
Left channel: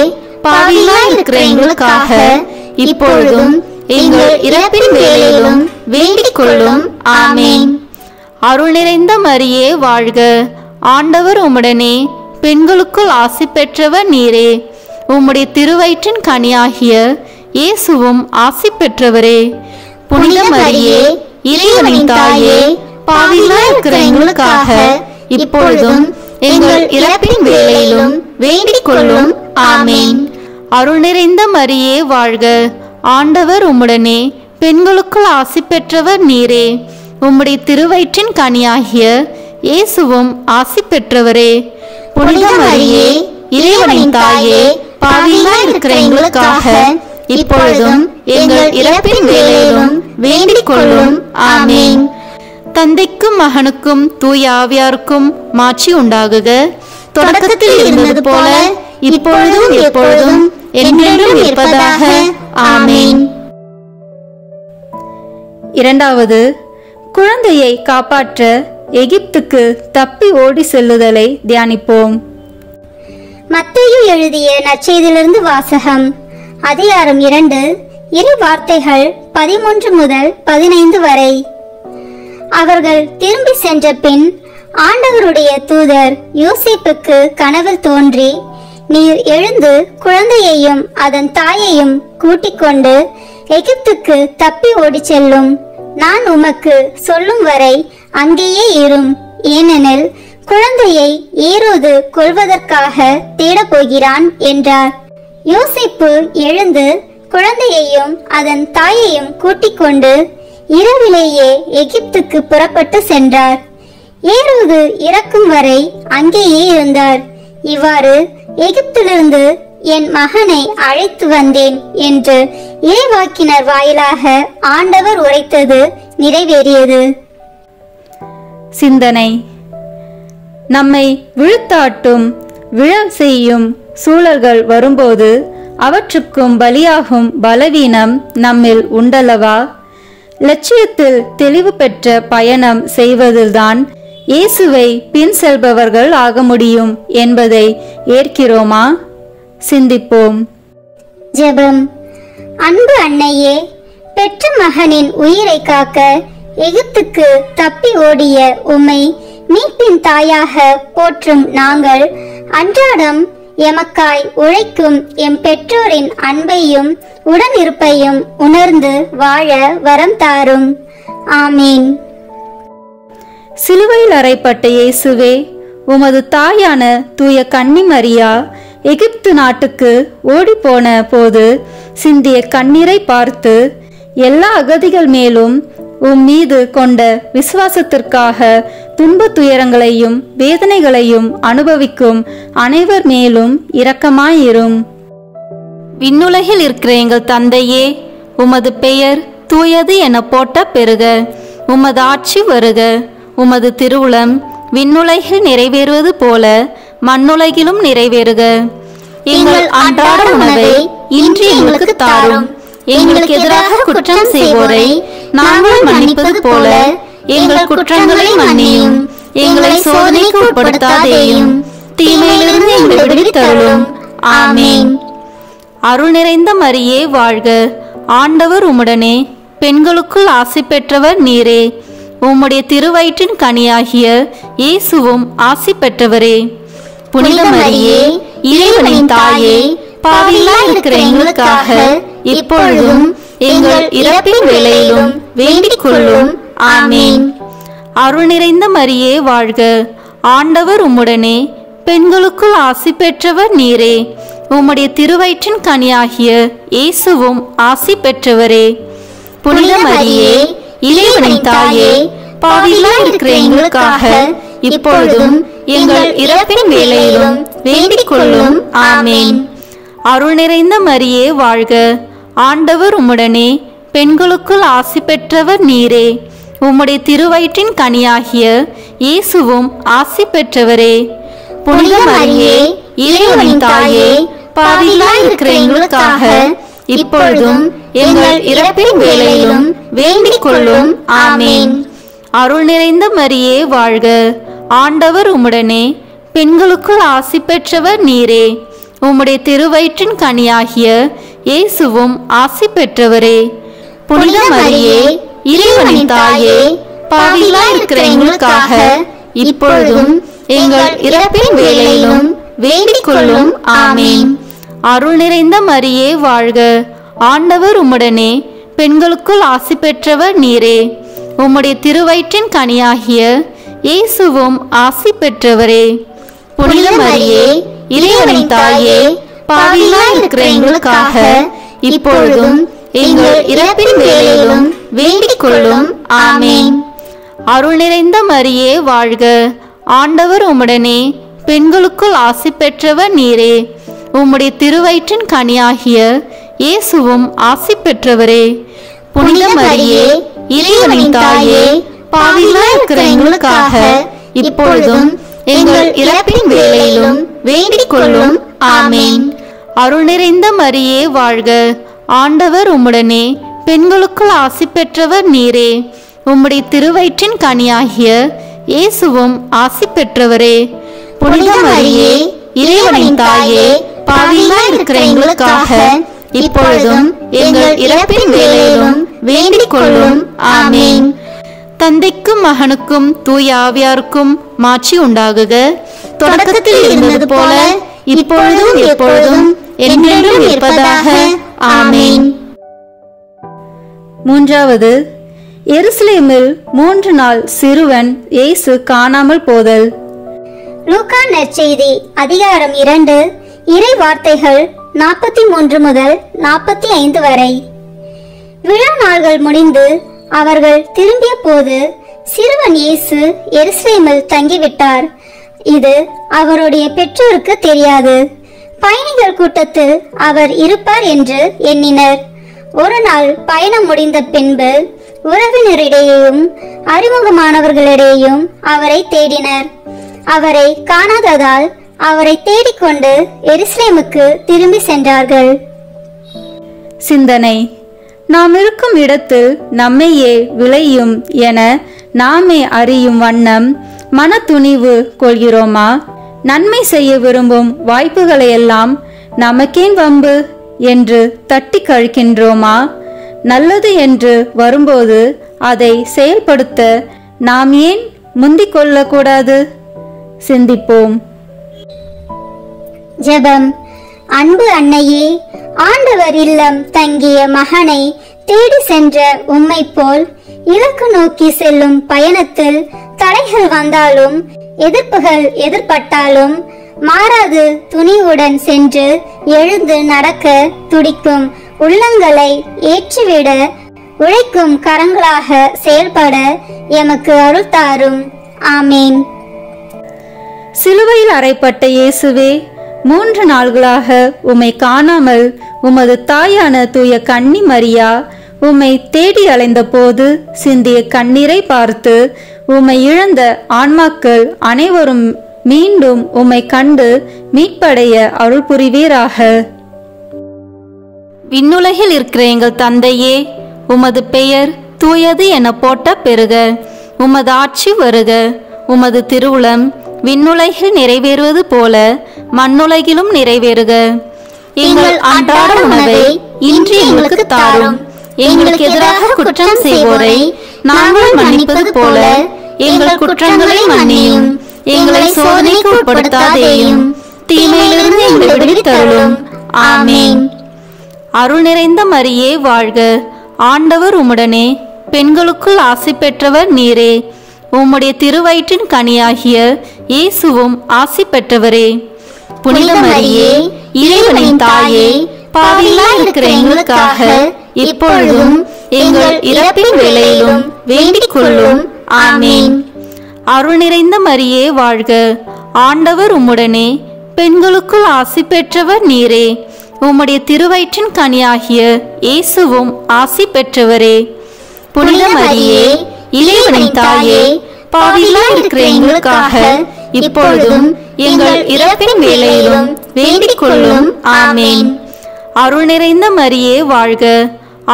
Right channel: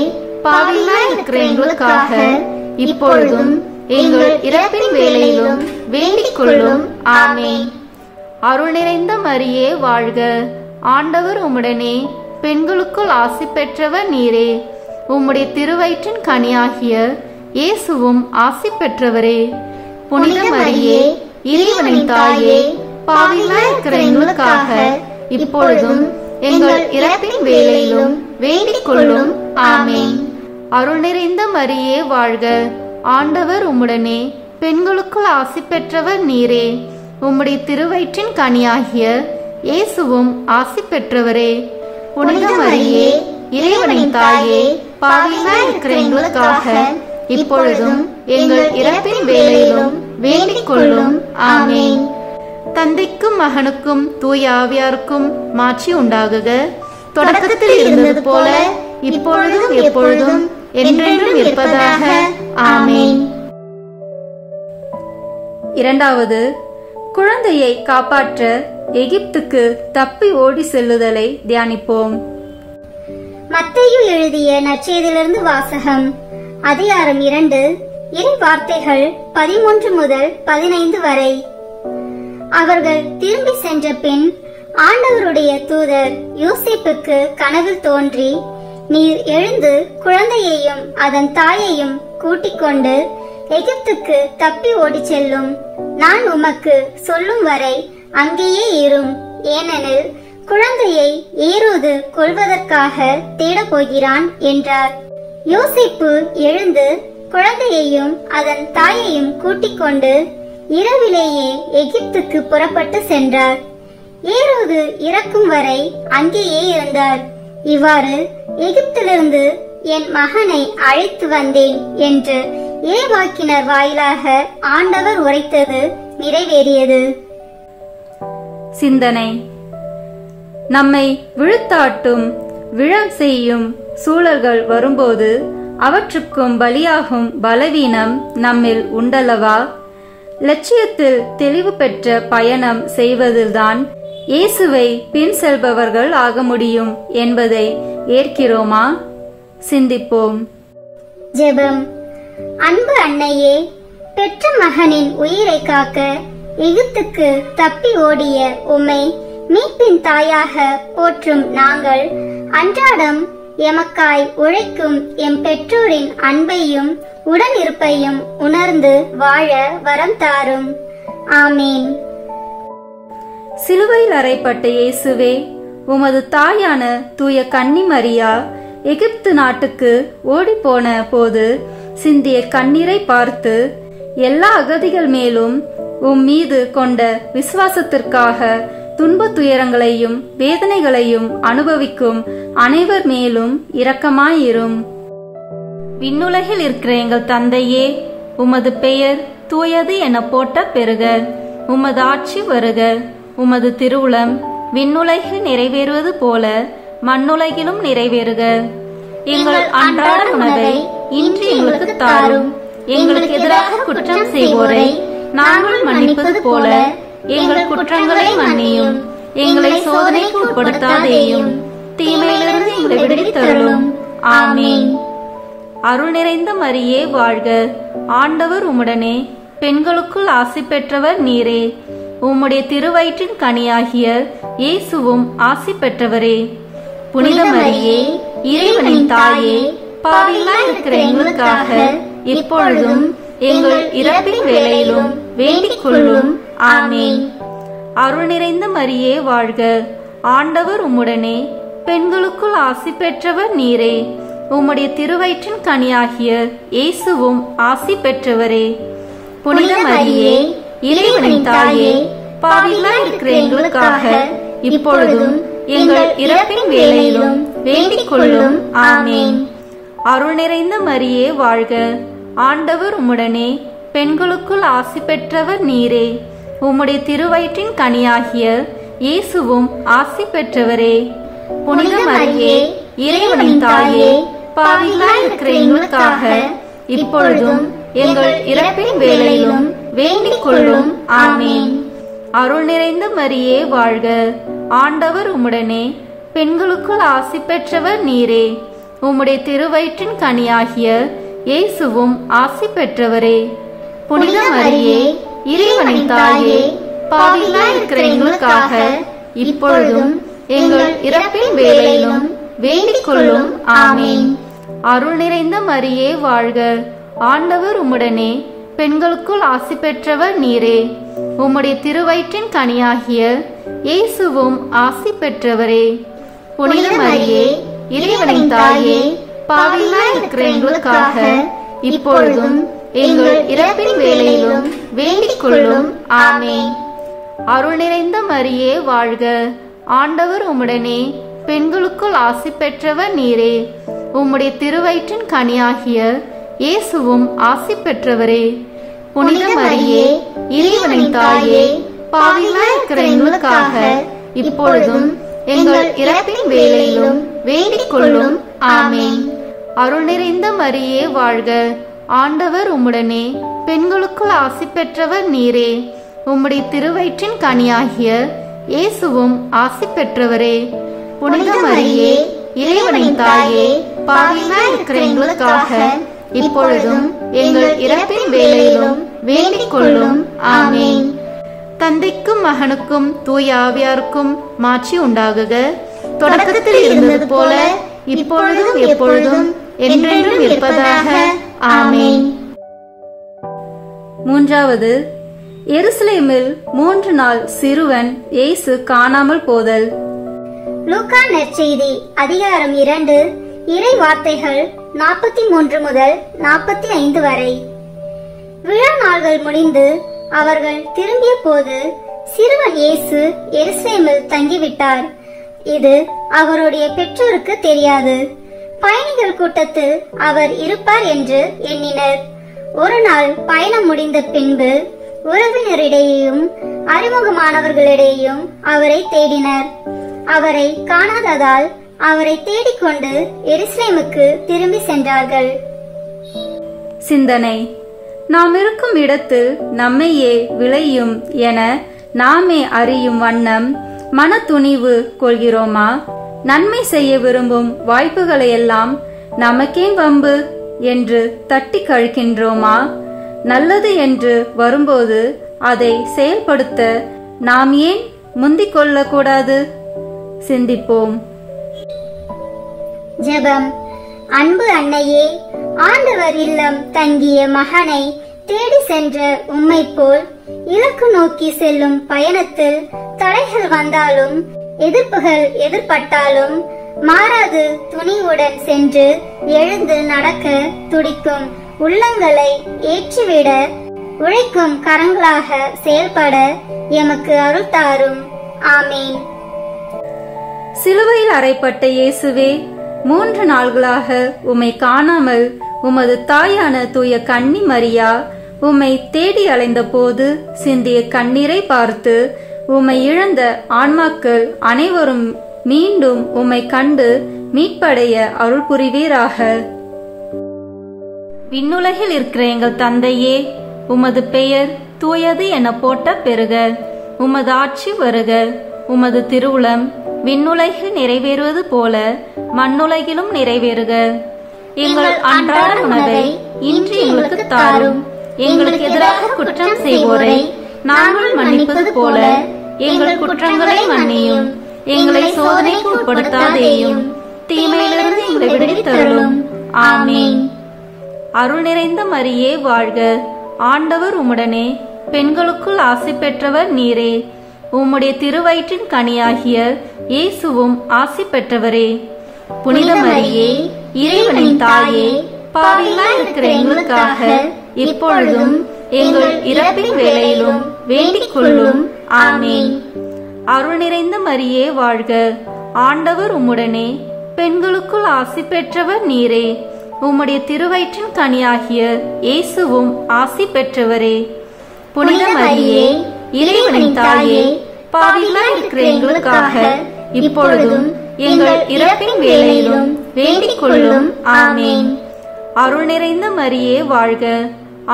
பாவிகளாய் இருக்கிற எங்களுக்காக இப்பொழுதும் எங்கள் இறப்பின் வேளையிலும் வேண்டிக் கொள்ளும். ஆமேன். அருள் நிறைந்த மரியே வாழ்க. ஆண்டவர் உம்முடனே, பெண்களுக்குள் ஆசி பெற்றவர் நீரே. உம்முடைய திருவயிற்றின் கனியாகிய இயேசுவும் ஆசி பெற்றவரே. புனித மரியே, இறைவனின் தாயே, பாவிகளாய் இருக்கிற எங்களுக்காக இப்பொழுதும் எங்கள் இறப்பின் வேளையிலும் வேண்டிக் கொள்ளும். ஆமேன். அருள் நிறைந்த மரியே வாழ்க. ஆண்டவர் உம்முடனே, பெண்களுக்குள் ஆசி பெற்றவர் நீரே. உம்முடைய திருவயிற்றின் கனியாகிய இயேசுவும் ஆசி பெற்றவரே. புனித மரியே, இறைவனின் தாயே, பாவிகளாய் இருக்கிற எங்களுக்காக இப்பொழுதும் எங்கள் இறப்பின் வேளையிலும் வேண்டிக் கொள்ளும். ஆமேன். தந்தைக்கும் மகனுக்கும் தூய ஆவியாருக்கும் மாட்சி உண்டாகுக. தொடக்கத்தில் இருந்தது போல இப்பொழுதும் எப்பொழுதும் என்றென்றும் இருப்பதாக. ஆமேன். இரண்டாவது, குழந்தையை காப்பாற்ற எகிப்துக்கு தப்பி ஓடி செல்லுதலை தியானிப்போம். மத்தேயு எழுதிய நற்செய்தியிலிருந்து வாசகம். அதிகாரம் 2, இறை வார்த்தைகள் 13 முதல் 15 வரை. அவர்கள் திரும்பி சென்ற பின் ஆண்டவருடைய தூதர் யோசேப்புக்கு கனவில் தோன்றி, நீர் எழுந்து குழந்தையையும் அதன் தாயையும் கூட்டிக் கொண்டு எகிப்துக்கு தப்பி ஓடி செல்லும். நான் உமக்கு சொல்லும் வரை அங்கேயே இரும். ஏனெனில் குழந்தையை ஏரோது கொல்வதற்காக தேடப் போகிறான் என்றார். யோசேப்பு எழுந்து குழந்தையையும் அதன் தாயையும் கூட்டிக் கொண்டு இரவிலேயே எகிப்துக்கு புறப்பட்டு சென்றார். ஏரோது இறக்கும் வரை அங்கேயே இருந்தார். இவ்வாறு எகிப்திலிருந்து என் மகனை அழைத்து வந்தேன் என்று இறைவாக்கினர் வாயிலாக ஆண்டவர் உரைத்தது நிறைவேறியது. சிந்தனை. நம்மை விழுத்தாட்டும் விழல் செய்யும் சூழல்கள் வரும்போது அவற்றுக்கும் பலியாகும் பலவீனம் நம்மில் உண்டல்லவா? லட்சியத்தில் தெளிவு பெற்ற பயணம் செய்வதில்தான் இயேசுவை பின் செல்பவர்கள் ஆக முடியும் என்பதை ஏற்கிறோமா? சிந்திப்போம். ஜெபம். அன்பு அன்னையே, பெற்ற மகனின் உயிரை காக்க எகிப்துக்கு தப்பி ஓடிய உம்மை மீட்பின் தாயாக போற்றும் நாங்கள் அன்றாடம் எமக்காய் உழைக்கும் எம் பெற்றோரின் அன்பையும் உடனிருப்பையும் உணர்ந்து வாழ வரம் தாரும். ஆமீன். சிலுவையில் அறைப்பட்ட இயேசுவே, உமது தாயான தூய கன்னி மரியா எகிப்து நாட்டுக்கு ஓடிப்போன போது சிந்திய கண்ணீரை பார்த்து எல்லா அகதிகள் மேலும் உம் மீது கொண்ட விசுவாசத்திற்காக துன்ப துயரங்களையும் வேதனைகளையும் அனுபவிக்கும் அனைவர் மேலும் இரக்கமாயிரும். விண்ணுலகில் இருக்கிற எங்கள் தந்தையே, உமது பெயர் தூயது என போட்ட பெருக. உமது ஆட்சி வருக. உமது திருவுளம் விண்ணுலகில் நிறைவேறுவது போல மண்ணுலகிலும் நிறைவேறுக. எங்கள் அன்றாட உணவை இன்று எங்களுக்கு தாரும். எங்களுக்கு எதிராக குற்றம் செய்வோரை நாங்கள் மன்னிப்பது போல எங்கள் குற்றங்களை மன்னியும். எங்களை சோதனைக்கு உட்படுத்தாதேயும், தீமையிலிருந்து எங்களை விடுவித்தருளும். ஆமேன். அருள் நிறைந்த மரியே வாழ்க. ஆண்டவர் உம்முடனே, பெண்களுக்குள் ஆசி பெற்றவர் நீரே. உம்முடைய திருவயிற்றின் கனியாகிய இயேசுவும் ஆசி பெற்றவரே. புனித மரியே, இறைவனின் தாயே, பாவிகளாய் இருக்கிற எங்களுக்காக இப்பொழுதும் எங்கள் இறப்பின் வேளையிலும் வேண்டிக் கொள்ளும். ஆமேன். அருள் நிறைந்த மரியே வாழ்க, ஆண்டவர் உம்முடனே, பெண்களுக்குள் ஆசி பெற்றவர் நீரே. உம்முடைய திருவயிற்றின் கனியாகிய இயேசுவும் ஆசி பெற்றவரே. புனித மரியே, இறைவனின் தாயே, பாவிகளாய் இருக்கிற எங்களுக்காக இப்பொழுதும் எங்கள் இறப்பின் வேளையிலும் வேண்டிக் கொள்ளும். ஆமேன். அருள் நிறைந்த மரியே வாழ்க, ஆண்டவர் உம்முடனே, பெண்களுக்குள் ஆசி பெற்றவர் நீரே. உம்முடைய திருவயிற்றின் கனியாகிய இயேசுவும் ஆசி பெற்றவரே. புனித மரியே, இறைவனின் தாயே, பாவிகளாய் இருக்கிற எங்களுக்காக இப்பொழுதும் எங்கள் இறப்பின் வேளையிலும் வேண்டிக் கொள்ளும். ஆமேன். அருள் நிறைந்த மரியே வாழ்க, ஆண்டவர் உம்முடனே, பெண்களுக்குள் ஆசி பெற்றவர் நீரே. உம்முடைய திருவயிற்றின் கனியாகிய இயேசுவும் ஆசி பெற்றவரே. புனித மரியே, இறைவனின் தாயே, பாவிகளாய் இருக்கிற எங்களுக்காக இப்பொழுதும் எங்கள் இறப்பின் வேளையிலும் வேண்டிக் கொள்ளும். ஆமேன். அருள் நிறைந்த மரியே வாழ்க, ஆண்டவர் உம்முடனே, பெண்களுக்குள் ஆசி பெற்றவர் நீரே. உம்முடைய திருவயிற்றின் கனியாகிய இயேசுவும் ஆசி பெற்றவரே. புனித மரியே, இறைவனின் தாயே, பாவிகளாய் இருக்கிற எங்களுக்காக இப்பொழுதும் எங்கள் இறப்பின் வேளையிலும் வேண்டிக் கொள்ளும். ஆமேன். அருள் நிறைந்த மரியே வாழ்க, ஆண்டவர் உம்முடனே, பெண்களுக்குள் ஆசி பெற்றவர் நீரே. உம்முடைய திருவயிற்றின் கனியாகிய இயேசுவும் ஆசி பெற்றவரே. புனித மரியே, இறைவனின் தாயே, பாவிகளாய் இருக்கிற எங்களுக்காக இப்பொழுதும் எங்கள் இறப்பின் வேளையிலும் வேண்டிக் கொள்ளும். ஆமேன். அருள் நிறைந்த மரியே வாழ்க, ஆண்டவர் உம்முடனே, பெண்களுக்குள் ஆசி பெற்றவர் நீரே. உம்முடைய திருவயிற்றின் கனியாகிய இயேசுவும் ஆசி பெற்றவரே. புனித மரியே, இறைவனின் தாயே, பாவிகளாய் இருக்கிற எங்களுக்காக இப்பொழுதும் எங்கள் இறப்பின் வேளையிலும் வேண்டிக் கொள்ளும். ஆமேன். தந்தைக்கும் மகனுக்கும் தூய ஆவியாருக்கும் மாட்சி உண்டாகுக. தொடக்கத்தில் இருந்தது போல இப்பொழுதும் எப்பொழுதும் என்றென்றும் இருப்பதாக. ஆமேன். மூன்றாவது, எருசலேமில் 3 நாள் சிறுவன் இயேசு காணாமல் போதல். லூக்கா நற்செய்தி அதிகாரம் 2 இறை வார்த்தைகள் 43 முதல் 45 வரை. விழா நாள்கள் முடிந்து அவர்கள் திரும்பிய போது சிறுவன் இயேசு எருசலேமில் தங்கிவிட்டார். இது அவருடைய பெற்றோருக்கு தெரியாது. பயணிகள் கூட்டத்தில் அவர் இருப்பார் என்று எண்ணினர். ஒரு நாள் பயணம் முடிந்த பின்பு உறவினரிடையேயும் அறிமுகமானவர்களிடையேயும் அவரை தேடினர். அவரை காணாததால் அவரை தேடிக்கொண்டு எருசலேமுக்கு திரும்பி சென்றார்கள். சிந்தனை: நாம் இருக்கும் இடத்தில் நம்மையே விளையும் என நாமே அறியும் வண்ணம் மன துணிவு கொள்கிறோமா? நன்மை செய்ய விரும்பும் வாய்ப்புகளையெல்லாம் நமக்கேன் வம்பு என்று தட்டி கழிக்கின்றோமா? நல்லது என்று வரும்போது அதை செயல்படுத்த நாம் ஏன் முந்திக் கொள்ளக்கூடாது? சிந்திப்போம். ஜெபம். அன்பு அன்னையே, ஆண்டவர் இல்லம் தங்கிய மகனை தேடி சென்ற உம்மை போல் இலக்கு நோக்கி செல்லும் பயணத்தில் தடைகள் வந்தாலும் எதிர்ப்புகள் எதிர்பட்டாலும் மாறாது துணிவுடன் சென்று எழுந்து நடக்க துடிக்கும் உள்ளங்களை ஏற்றிவிட உழைக்கும் கரங்களாக செயல்பட எமக்கு அருள் தாரும். ஆமேன். சிலுவையில் அறைப்பட்ட இயேசுவே, 3 நாள்களாக உம்மை காணாமல் உமது தாயான தூய கன்னி மரியா உம்மை தேடி அலைந்த போது சிந்திய கண்ணீரை பார்த்து உம்மை இழந்த ஆன்மாக்கள் அனைவரும் மீண்டும் உம்மை கண்டு மீட்படைய அருள் புரிவீராக. விண்ணுலகில் இருக்கிற எங்கள் தந்தையே, உமது பெயர் தூயது என போட்ட பெருக. உமது ஆட்சி வருக. உமது திருவுளம் விண்ணுலகில் நிறைவேறுவது போல மண்ணுலகிலும் நிறைவேறுக. எங்கள் அன்றாட உணவை இன்று எங்களுக்கு தாரும். எங்களுக்கு எதிராக குற்றம் செய்வோரை நாங்கள் மன்னிப்பது போல எங்கள் குற்றங்களை மன்னியும். எங்களை சோதனைக்கு உட்படுத்தாதேயும், தீமையிலிருந்து எங்களை விடுவித்தருளும். ஆமேன். அருள் நிறைந்த மரியே வாழ்க, ஆண்டவர் உம்முடனே, பெண்களுக்குள் ஆசி பெற்றவர் நீரே. உம்முடைய திருவயிற்றின் கனியாகிய இயேசுவும் ஆசி பெற்றவரே. புனித மரியே, இறைவனின் தாயே, பாவிகளாய் இருக்கிற எங்களுக்காக இப்பொழுதும் எங்கள் இறப்பின் வேளையிலும் வேண்டிக் கொள்ளும். ஆமேன். அருள் நிறைந்த மரியே வாழ்க. ஆண்டவர் உம்முடனே, பெண்களுக்குள் ஆசி பெற்றவர் நீரே. உம்முடைய திருவயிற்றின் கனியாகிய இயேசுவும் ஆசி பெற்றவரே. புனித மரியே, இறைவனின் தாயே, பாவிகளாய் இருக்கிற எங்களுக்காக இப்பொழுதும் எங்கள் இறப்பின் வேளையிலும் வேண்டிக் கொள்ளும். ஆமேன். அருள் நிறைந்த மரியே வாழ்க.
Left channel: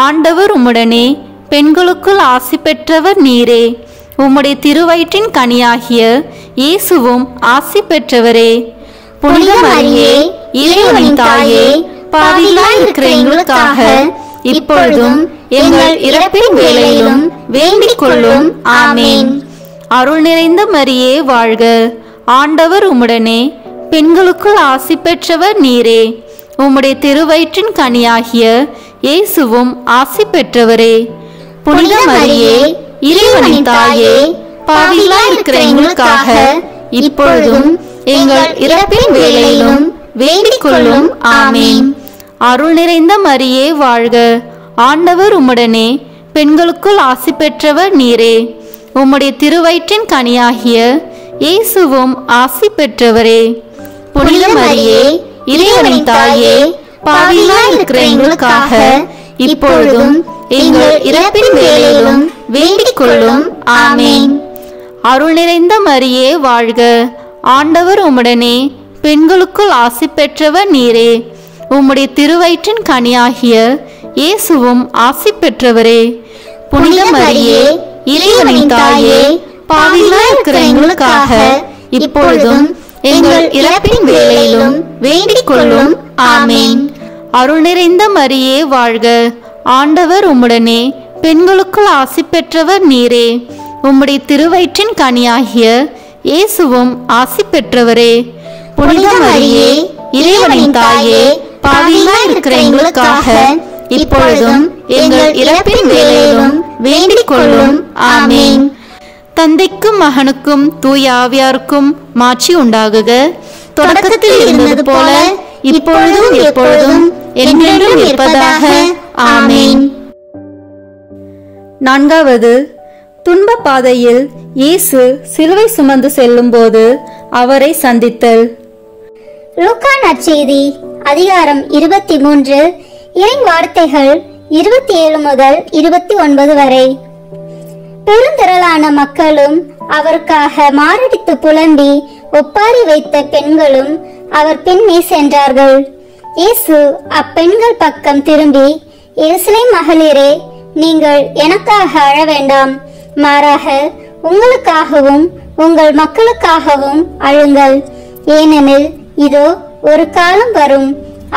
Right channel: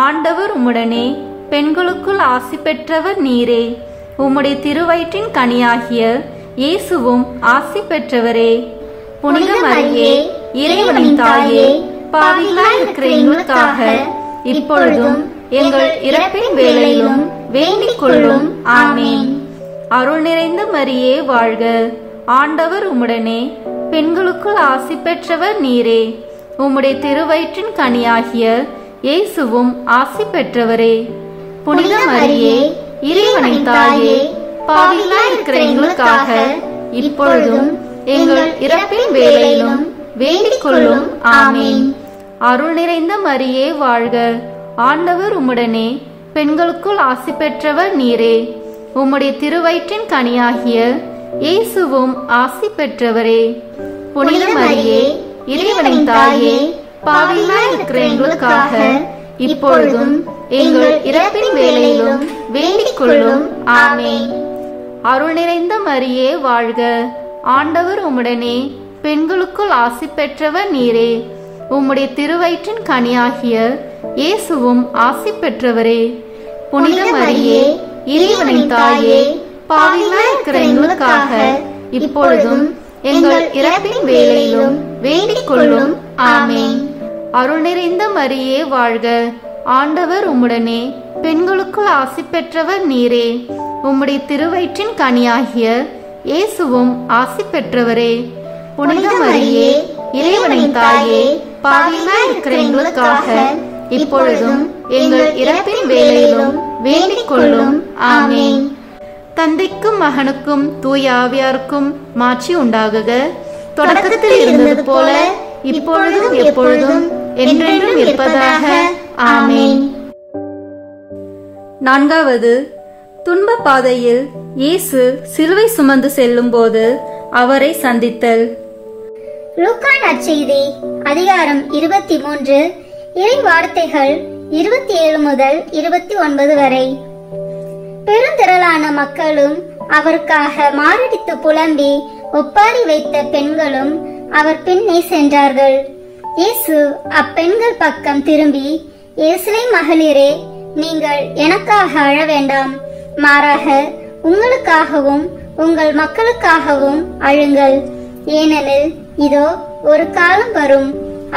ஆண்டவர் உம்முடனே, பெண்களுக்குள் ஆசி பெற்றவர் நீரே. உம்முடைய திருவயிற்றின் கனியாகிய இயேசுவும் ஆசி பெற்றவரே. புனித மரியே, இறைவனின் தாயே, பாவிகளாய் இருக்கிற எங்களுக்காக இப்பொழுதும் எங்கள் இறப்பின் வேளையிலும் வேண்டிக் கொள்ளும். ஆமேன். அருள் நிறைந்த மரியே வாழ்க. ஆண்டவர் உம்முடனே, பெண்களுக்குள் ஆசி பெற்றவர் நீரே. உம்முடைய திருவயிற்றின் கனியாகிய இயேசுவும் ஆசி பெற்றவரே. புனித மரியே, இறைவனின் தாயே, பாவிகளாய் இருக்கிற எங்களுக்காக இப்பொழுதும் எங்கள் இறப்பின் வேளையிலும் வேண்டிக் கொள்ளும். ஆமேன். அருள் நிறைந்த மரியே வாழ்க. ஆண்டவர் உம்முடனே, பெண்களுக்குள் ஆசி பெற்றவர் நீரே. உம்முடைய திருவயிற்றின் கனியாகிய இயேசுவும் ஆசி பெற்றவரே. புனித மரியே, இறைவனின் தாயே, பாவிகளாய் இருக்கிற எங்களுக்காக இப்பொழுதும் எங்கள் இறப்பின் வேளையிலும் வேண்டிக் கொள்ளும். ஆமேன். அருள் நிறைந்த மரியே வாழ்க. ஆண்டவர் உம்முடனே, பெண்களுக்குள் ஆசி பெற்றவர் நீரே. உம்முடைய திருவயிற்றின் கனியாகிய இயேசுவும் ஆசி பெற்றவரே. புனித மரியே, இறைவனின் தாயே, பாவிகளாய் இருக்கிற எங்களுக்காக இப்பொழுதும் எங்கள் இறப்பின் வேளையிலும் வேண்டிக் கொள்ளும். ஆமேன். அருள் நிறைந்த மரியே வாழ்க. ஆண்டவர் உம்முடனே, பெண்களுக்குள் ஆசி பெற்றவர் நீரே. உம்முடைய திருவயிற்றின் கனியாகிய இயேசுவும் ஆசி பெற்றவரே. புனித மரியே, இறைவனின் தாயே, பாவிகளாய் இருக்கிற எங்களுக்காக இப்பொழுதும் எங்கள் இறப்பின் வேளையிலும் வேண்டிக் கொள்ளும். ஆமேன். தந்தைக்கும் மகனுக்கும் தூய ஆவியாருக்கும் மாட்சி உண்டாகுக. தொடக்கத்தில் இருந்தது போல இப்பொழுதும் எப்பொழுதும் என்றென்றும் இருப்பதாக. ஆமேன். நான்காவது, துன்ப பாதையில் இயேசு சிலுவை சுமந்து செல்லும் போது அவரை சந்தித்தல். லூக்கா நற்செய்தி அதிகாரம் 23 இறை வார்த்தைகள் 27 முதல் 29 வரை. பெருந்திரளான மக்களும் அவருக்காக மாரடித்து புலம்பி ஒப்பாரி வைத்த பெண்களும் அவர் பின்னே சென்றார்கள். இயேசு அப்பெண்கள் பக்கம் திரும்பி, எருசலேம் மகளிரே, நீங்கள் எனக்காக அழ வேண்டாம், மாறாக உங்களுக்காகவும் உங்கள் மக்களுக்காகவும் அழுங்கள். ஏனெனில் இதோ ஒரு காலம் வரும்,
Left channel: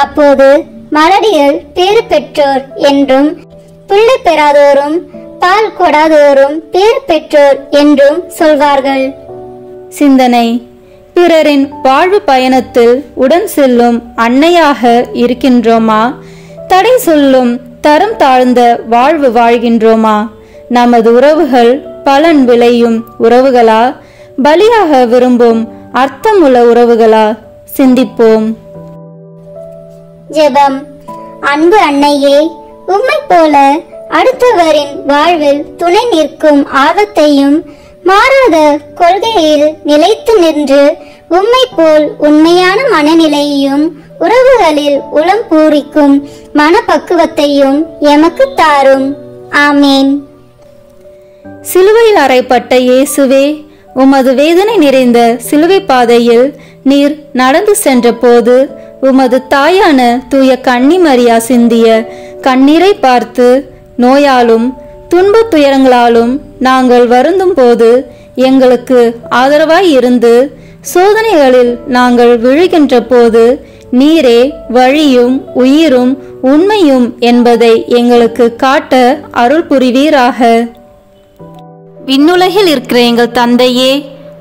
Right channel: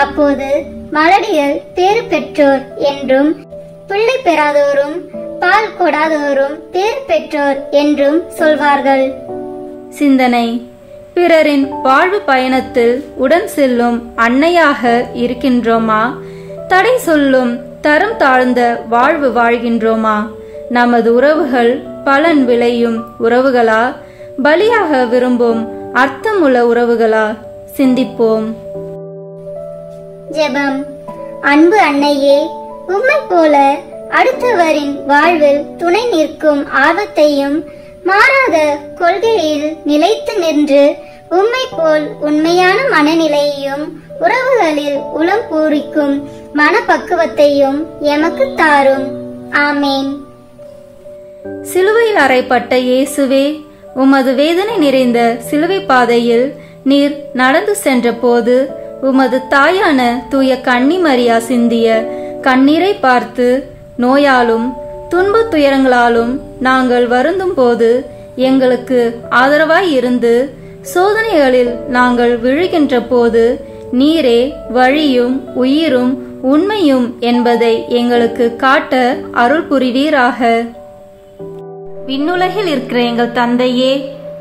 அப்போது மலடிகள் பேறு பெற்றோர் என்றும் பிள்ளை பெறாதோரும் பால் கொடாதோரும் பேறு பெற்றோர் என்றும் சொல்வார்கள். சிந்தனை. பிறரின் வாழ்வு பயணத்தில் உடன் செல்லும் அன்னையாக இருக்கின்றோமா? தடை சொல்லும் தரம் தாழ்ந்த வாழ்வு வாழ்கின்றோமா? நமது உறவுகள் பலன் விளையும் உறவுகளா, பலியாக விரும்பும் அர்த்தமுள்ள உறவுகளா? சிந்திப்போம். ஜெபம். அன்பு அன்னையே, உம்மை போல அடுத்தவரின் வாழ்வில் துணை நிற்கும் ஆர்வத்தையும் மாறாத கொள்கையில் நிலைத்து நின்று உம்மை போல் உண்மையான மனநிலையையும் உறவுகளில் உளம் பூரிக்கும் மனப்பக்குவத்தையும் எமக்கு தாரும். ஆமீன். சிலுவையில் அறையப்பட்ட இயேசுவே, உமது வேதனை நிறைந்த சிலுவை பாதையில் நீர் நடந்து சென்ற போது உமது தாயான தூய கன்னி மரியா சிந்திய கண்ணீரை பார்த்து நோயாலும் துன்ப துயரங்களாலும் நாங்கள் வருந்தும் போது எங்களுக்கு ஆதரவாய் இருந்து சோதனைகளில் நாங்கள் விழுகின்ற போது நீரே வழியும் உயிரும் உண்மையும் என்பதை எங்களுக்கு காட்ட அருள் புரிவீராக. விண்ணுலகில் இருக்கிற எங்கள் தந்தையே,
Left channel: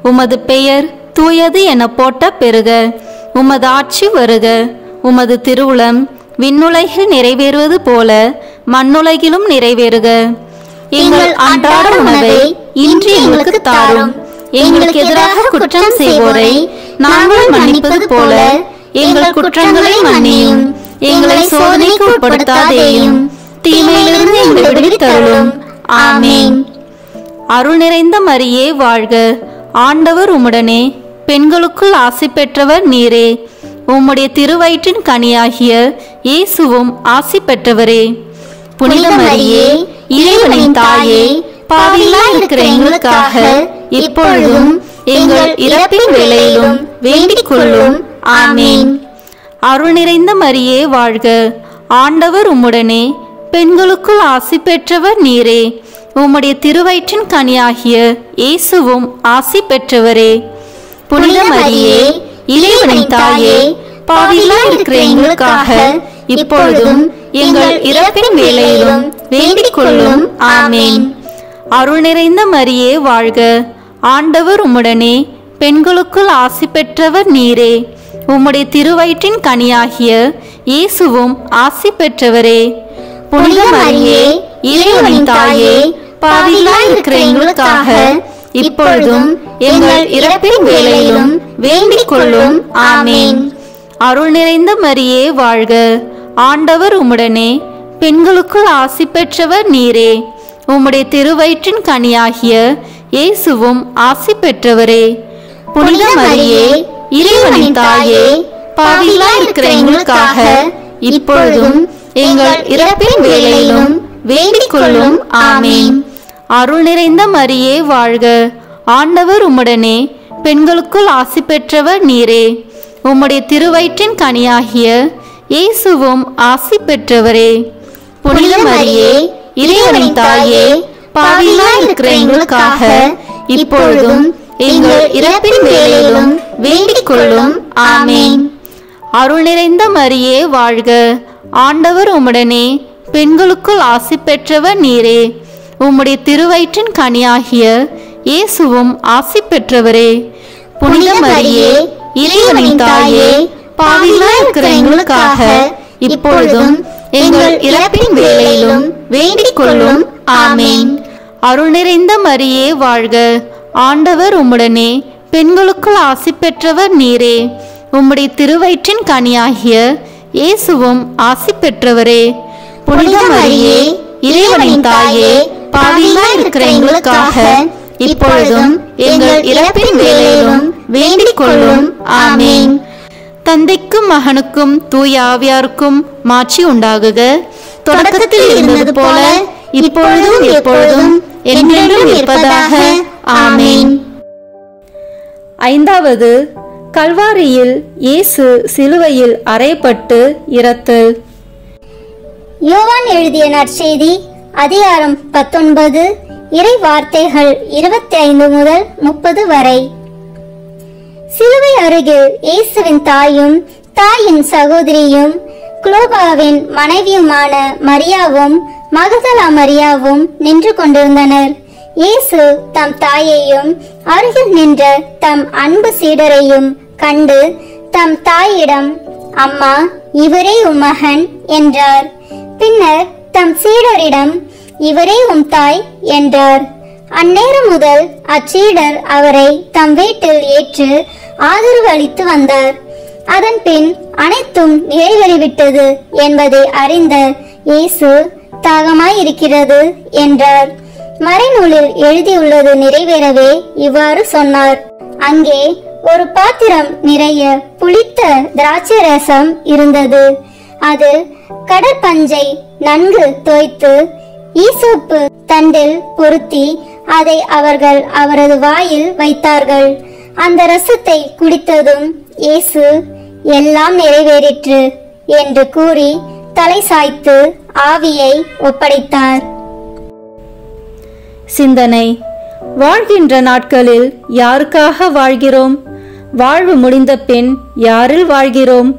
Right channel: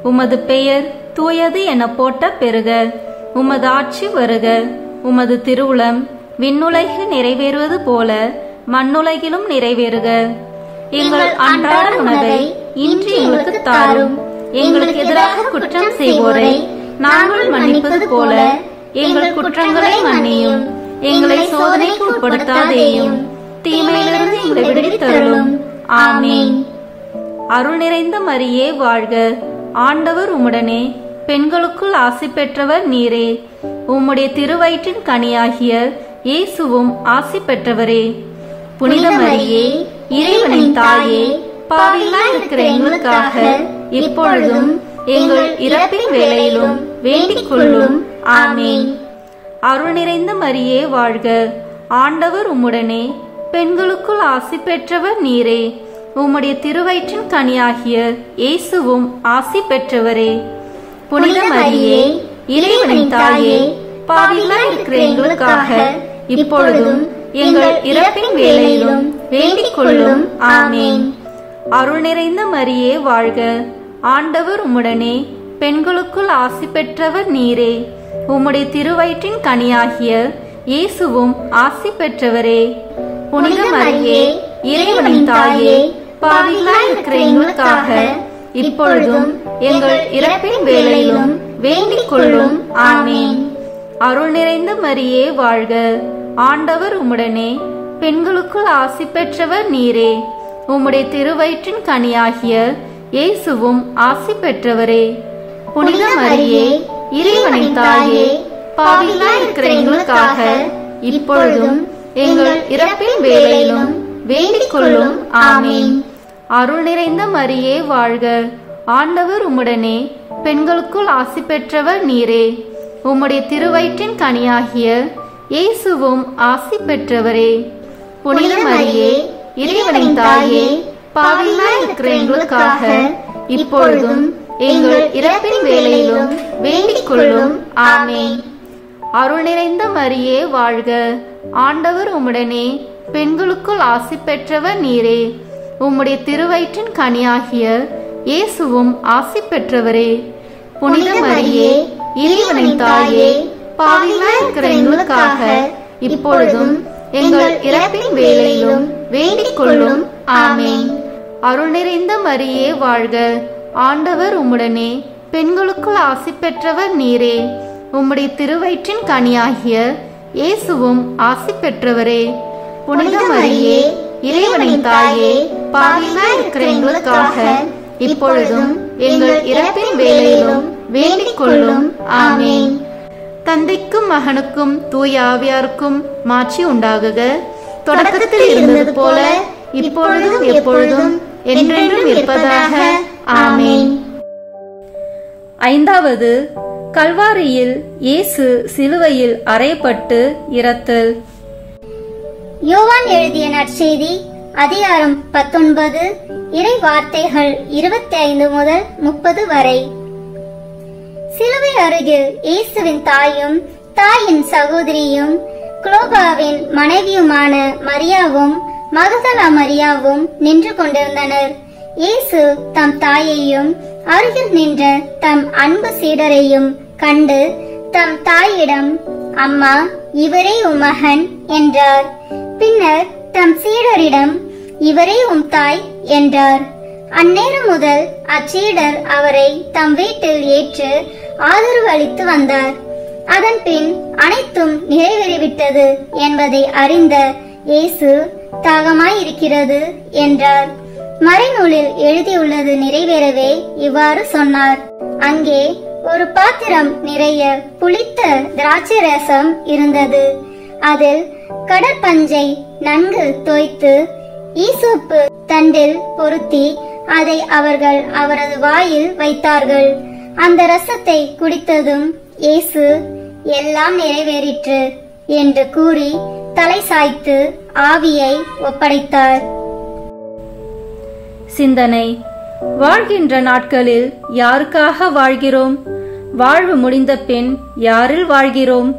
உமது பெயர் தூயது என போட்ட பெருக. உமது ஆட்சி வருக. உமது திருவுளம் விண்ணுலகில் நிறைவேறுவது போல மண்ணுலகிலும் நிறைவேறுக. எங்கள் அன்றாட உணவை இன்று எங்களுக்கு தாரும். எங்களுக்கு எதிராக குற்றம் செய்வோரை நாங்கள் மன்னிப்பது போல எங்கள் குற்றங்களை மன்னியும். எங்களை சோதனைக்கு உட்படுத்தாதேயும், தீமையிலிருந்து எங்களை விடுவித்தருளும். ஆமென். அருள் நிறைந்த மரியே வாழ்க. ஆண்டவர் உம்முடனே, பெண்களுக்குள் ஆசி பெற்றவர் நீரே. உம்முடைய திருவயிற்றின் கனியாகிய இயேசுவும் ஆசி பெற்றவரே. புனித மரியே, இறைவனின் தாயே, பாவிகளாய் இருக்கிற எங்களுக்காக இப்பொழுதும் எங்கள் இறப்பின் வேளையிலும் வேண்டிக் கொள்ளும். ஆமென். அருள் நிறைந்த மரியே வாழ்க. ஆண்டவர் உம்முடனே, பெண்களுக்குள் ஆசி பெற்றவர் நீரே. உம்முடைய திருவயிற்றின் கனியாகிய இயேசுவும் ஆசி பெற்றவரே. புனித மரியே, இறைவனின் தாயே, பாவிகளாய் இருக்கிற எங்களுக்காக இப்பொழுதும் எங்கள் இறப்பின் வேளையிலும் வேண்டிக் கொள்ளும். ஆமென். அருள் நிறைந்த மரியே வாழ்க. ஆண்டவர் உம்முடனே, பெண்களுக்குள் ஆசி பெற்றவர் நீரே. உம்முடைய திருவயிற்றின் கனியாகிய இயேசுவும் ஆசி பெற்றவரே. புனித மரியே, இறைவனின் தாயே, பாவிகளாய் இருக்கிற எங்களுக்காக இப்பொழுதும் எங்கள் இறப்பின் வேளையிலும் வேண்டிக் கொள்ளும். ஆமென். அருள் நிறைந்த மரியே வாழ்க. ஆண்டவர் உம்முடனே, பெண்களுக்குள் ஆசி பெற்றவர் நீரே. உம்முடைய திருவயிற்றின் கனியாகிய இயேசுவும் ஆசி பெற்றவரே. புனித மரியே, இறைவனின் தாயே, பாவிகளாய் இருக்கிற எங்களுக்காக இப்பொழுதும் எங்கள் இறப்பின் வேளையிலும் வேண்டிக் கொள்ளும். ஆமென். அருள் நிறைந்த மரியே வாழ்க. ஆண்டவர் உம்முடனே, பெண்களுக்குள் ஆசி பெற்றவர் நீரே. உம்முடைய திருவயிற்றின் கனியாகிய இயேசுவும் ஆசி பெற்றவரே. புனித மரியே, இறைவனின் தாயே, பாவிகளாய் இருக்கிற எங்களுக்காக இப்பொழுதும் எங்கள் இறப்பின் வேளையிலும் வேண்டிக் கொள்ளும். ஆமென். அருள் நிறைந்த மரியே வாழ்க. ஆண்டவர் உம்முடனே, பெண்களுக்குள் ஆசி பெற்றவர் நீரே. உம்முடைய திருவயிற்றின் கனியாகிய இயேசுவும் ஆசி பெற்றவரே. புனித மரியே, இறைவனின் தாயே, பாவிகளாய் இருக்கிற எங்களுக்காக இப்பொழுதும் எங்கள் இறப்பின் வேளையிலும் வேண்டிக் கொள்ளும். ஆமென். அருள் நிறைந்த மரியே வாழ்க. ஆண்டவர் உம்முடனே, பெண்களுக்குள் ஆசி பெற்றவர் நீரே. உம்முடைய திருவயிற்றின் கனியாகிய இயேசுவும் ஆசி பெற்றவரே. புனித மரியே, இறைவனின் தாயே, பாவிகளாய் இருக்கிற எங்களுக்காக இப்பொழுதும் எங்கள் இறப்பின் வேளையிலும் வேண்டிக் கொள்ளும். ஆமென். தந்தைக்கும் மகனுக்கும் தூய ஆவியாருக்கும் மாட்சி உண்டாகுக. தொடக்கத்தில் இருந்தது போல இப்பொழுதும் எப்பொழுதும் என்றென்றும் இருப்பதாக. ஆமென். ஐந்தாவது, கல்வாரியில் இயேசு சிலுவையில் அறையப்பட்டு இரத்தல். யோவான் எழுதிய நற்செய்தி அதிகாரம் 19, இறை வார்த்தைகள் 25 முதல் 30 வரை. சிலுவை அருகில் இயேசுவின் தாயும் தாயின் சகோதரியும் குளோபாவின் மனைவியுமான மரியாவும் மகதலா மரியாவும் நின்று கொண்டிருந்தனர். இயேசு தம் தாயையும் அருகில் நின்ற தம் அன்பு சீடரையும் கண்டு தம் தாயிடம், அம்மா, இவரே உம் மகன் என்றார். பின்னர் தம் சீடரிடம், இவரே உம் தாய் என்றார். அந்நேரம் முதல் அச்சீடர் அவரை தம் வீட்டில் ஏற்று ஆதரவு அளித்து வந்தார். அதன் பின் அனைத்தும் நிறைவேறிவிட்டது என்பதை அறிந்த இயேசு, தாகமாயிருக்கிறது என்றார். மறைநூலில் எழுதியுள்ளது நிறைவேறவே இவ்வாறு சொன்னார். அங்கே ஒரு பாத்திரம் நிறைய புளித்த திராட்சை ரசம் இருந்தது. அது கடற்பஞ்சை நன்கு தோய்த்து ஈசோப்பு தண்டில் பொருத்தி அதை அவர்கள் அவரது வாயில் வைத்தார்கள். அந்த ரசத்தை குடித்ததும் இயேசு, எல்லாம் நிறைவேறிற்று என்று கூறி தலை சாய்த்து ஆவியை ஒப்படைத்தார். சிந்தனை. வாழ்கின்ற நாட்களில் யாருக்காக வாழ்கிறோம்? வாழ்வு முடிந்த பின் யாரில் வாழ்கிறோம்?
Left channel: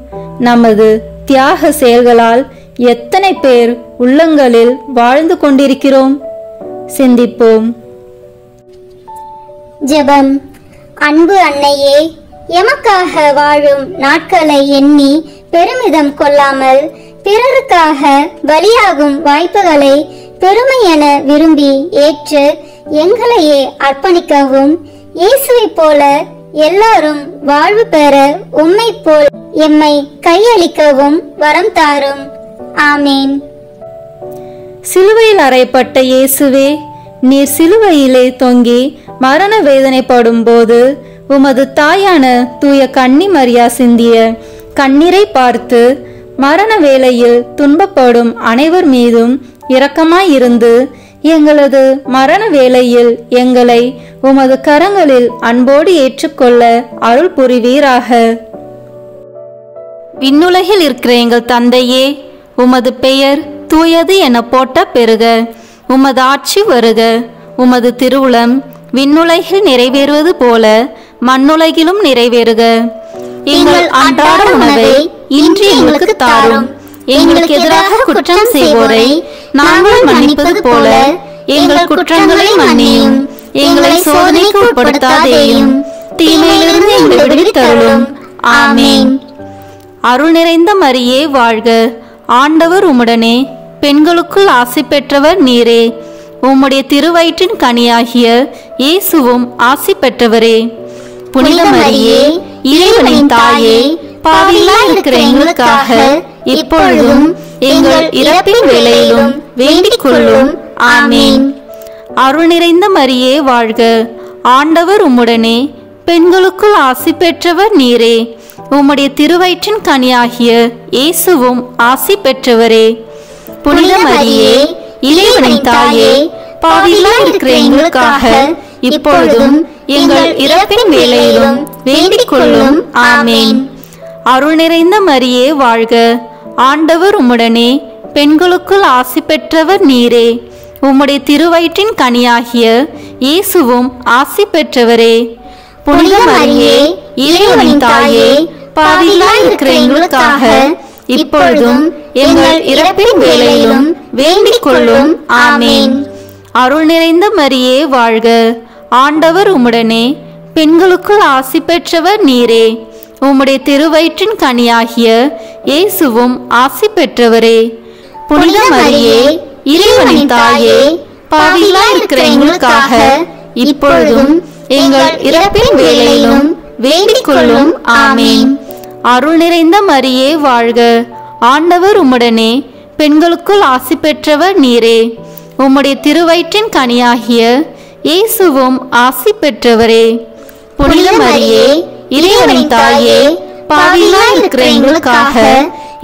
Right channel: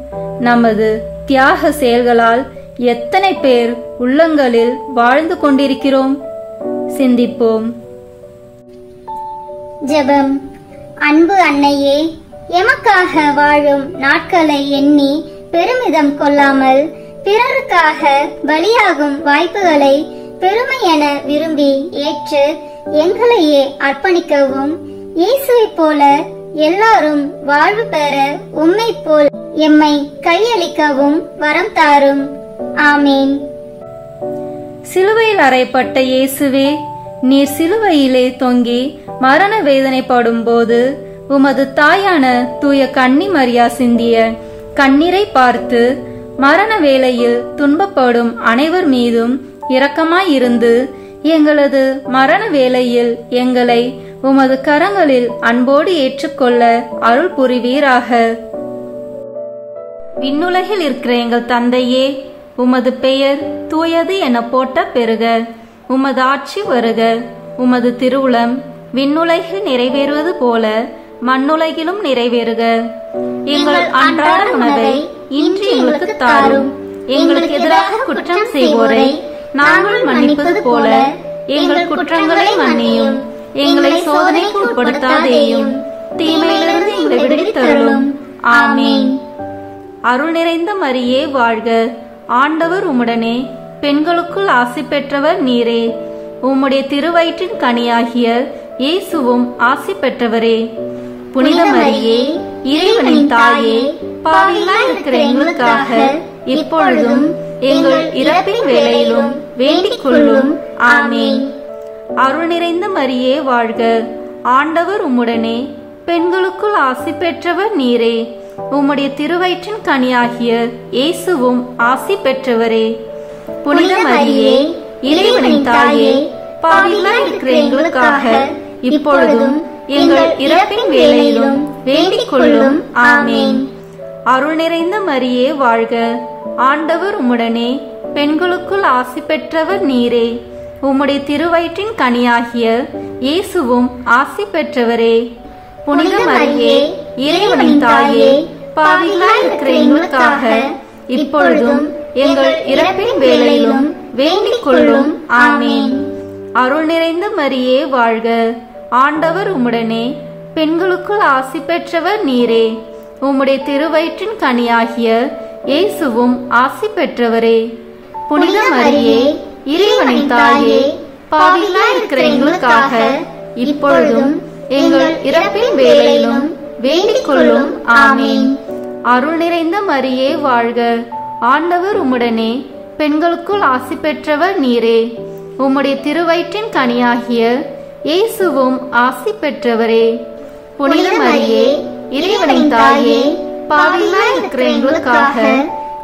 நமது தியாக செயல்களால் எத்தனை பேர் உள்ளங்களில் வாழ்ந்து கொண்டிருக்கிறோம்? சிந்திப்போம். ஜெபம். அன்பு அன்னையே, எமக்காக வாழும் நாட்களை எண்ணி பெருமிதம் கொள்ளாமல் பிறருக்காக பலியாகும் வாய்ப்புகளை பெருமை என விரும்பி ஏற்று எங்களையே அர்ப்பணிக்கவும், இயேசுவை போல எல்லாரும் வாழ்வு பெற உம்மை போல் எம்மை கையளிக்கவும் வரம் தாரும். ஆமீன். சிலுவையில் அறையப்பட்ட இயேசுவே, நீர் சிலுவையிலே தொங்கி மரண வேதனைப்படும் போது உமது தாயான தூய கன்னி மரியா சிந்திய கண்ணீரை பார்த்து மரண வேளையில் துன்பப்படும் அனைவர் மீதும் இரக்கமாயிருந்து எங்களது மரண வேளையில் எங்களை உமது கரங்களில் அன்போடு ஏற்றுக்கொள்ள அருள் புரிவீராக. விண்ணுலகில் இருக்கிற எங்கள் தந்தையே, உமது பெயர் தூயது என போட்ட பெருக. உமது ஆட்சி வருக. உமது திருவுளம் விண்ணுலகில் நிறைவேறுவது போல மண்ணுலகிலும் நிறைவேறுக. எங்கள் அன்றாட உணவை இன்று எங்களுக்கு தாரும். எங்களுக்கு எதிராக குற்றம் செய்வோரை நாங்கள் மன்னிப்பது போல எங்கள் குற்றங்களை மன்னியும். எங்களை சோதனைக்கு உட்படுத்தாதேயும், தீமையிலிருந்து எங்களை விடுவித்தருளும். ஆமீன். அருள் நிறைந்த மரியே வாழ்க. ஆண்டவர் உம்முடனே, பெண்களுக்குள் ஆசி பெற்றவர் நீரே. உம்முடைய திருவயிற்றின் கனியாகிய இயேசுவும் ஆசி பெற்றவரே. புனித மரியே, இறைவனின் தாயே, பாவிகளாய் இருக்கிற எங்களுக்காக இப்பொழுதும் எங்கள் இறப்பின் வேளையிலும் வேண்டிக் கொள்ளும். ஆமீன். அருள் நிறைந்த மரியே வாழ்க. ஆண்டவர் உம்முடனே, பெண்களுக்குள் ஆசி பெற்றவர் நீரே. உம்முடைய திருவயிற்றின் கனியாகிய இயேசுவும் ஆசி பெற்றவரே. புனித மரியே, இறைவனின் தாயே, பாவிகளாய் இருக்கிற எங்களுக்காக இப்பொழுதும் எங்கள் இறப்பின் வேளையிலும் வேண்டிக் கொள்ளும். ஆமீன். அருள் நிறைந்த மரியே வாழ்க. ஆண்டவர் உம்முடனே, பெண்களுக்குள் ஆசி பெற்றவர் நீரே. உம்முடைய திருவயிற்றின் கனியாகிய இயேசுவும் ஆசி பெற்றவரே. புனித மரியே, இறைவனின் தாயே, பாவிகளாய் இருக்கிற எங்களுக்காக இப்பொழுதும் எங்கள் இறப்பின் வேளையிலும் வேண்டிக் கொள்ளும். ஆமீன். அருள் நிறைந்த மரியே வாழ்க. ஆண்டவர் உம்முடனே, பெண்களுக்குள் ஆசி பெற்றவர் நீரே. உம்முடைய திருவயிற்றின் கனியாகிய இயேசுவும் ஆசி பெற்றவரே. புனித மரியே, இறைவனின் தாயே, பாவிகளாய் இருக்கிற எங்களுக்காக இப்பொழுதும் எங்கள் இறப்பின் வேளையிலும் வேண்டிக் கொள்ளும். ஆமீன். அருள் நிறைந்த மரியே வாழ்க. ஆண்டவர் உம்முடனே, பெண்களுக்குள் ஆசி பெற்றவர் நீரே. உம்முடைய திருவயிற்றின் கனியாகிய இயேசுவும் ஆசி பெற்றவரே. புனித மரியே, இறைவனின் தாயே, பாவிகளாய் இருக்கிற எங்களுக்காக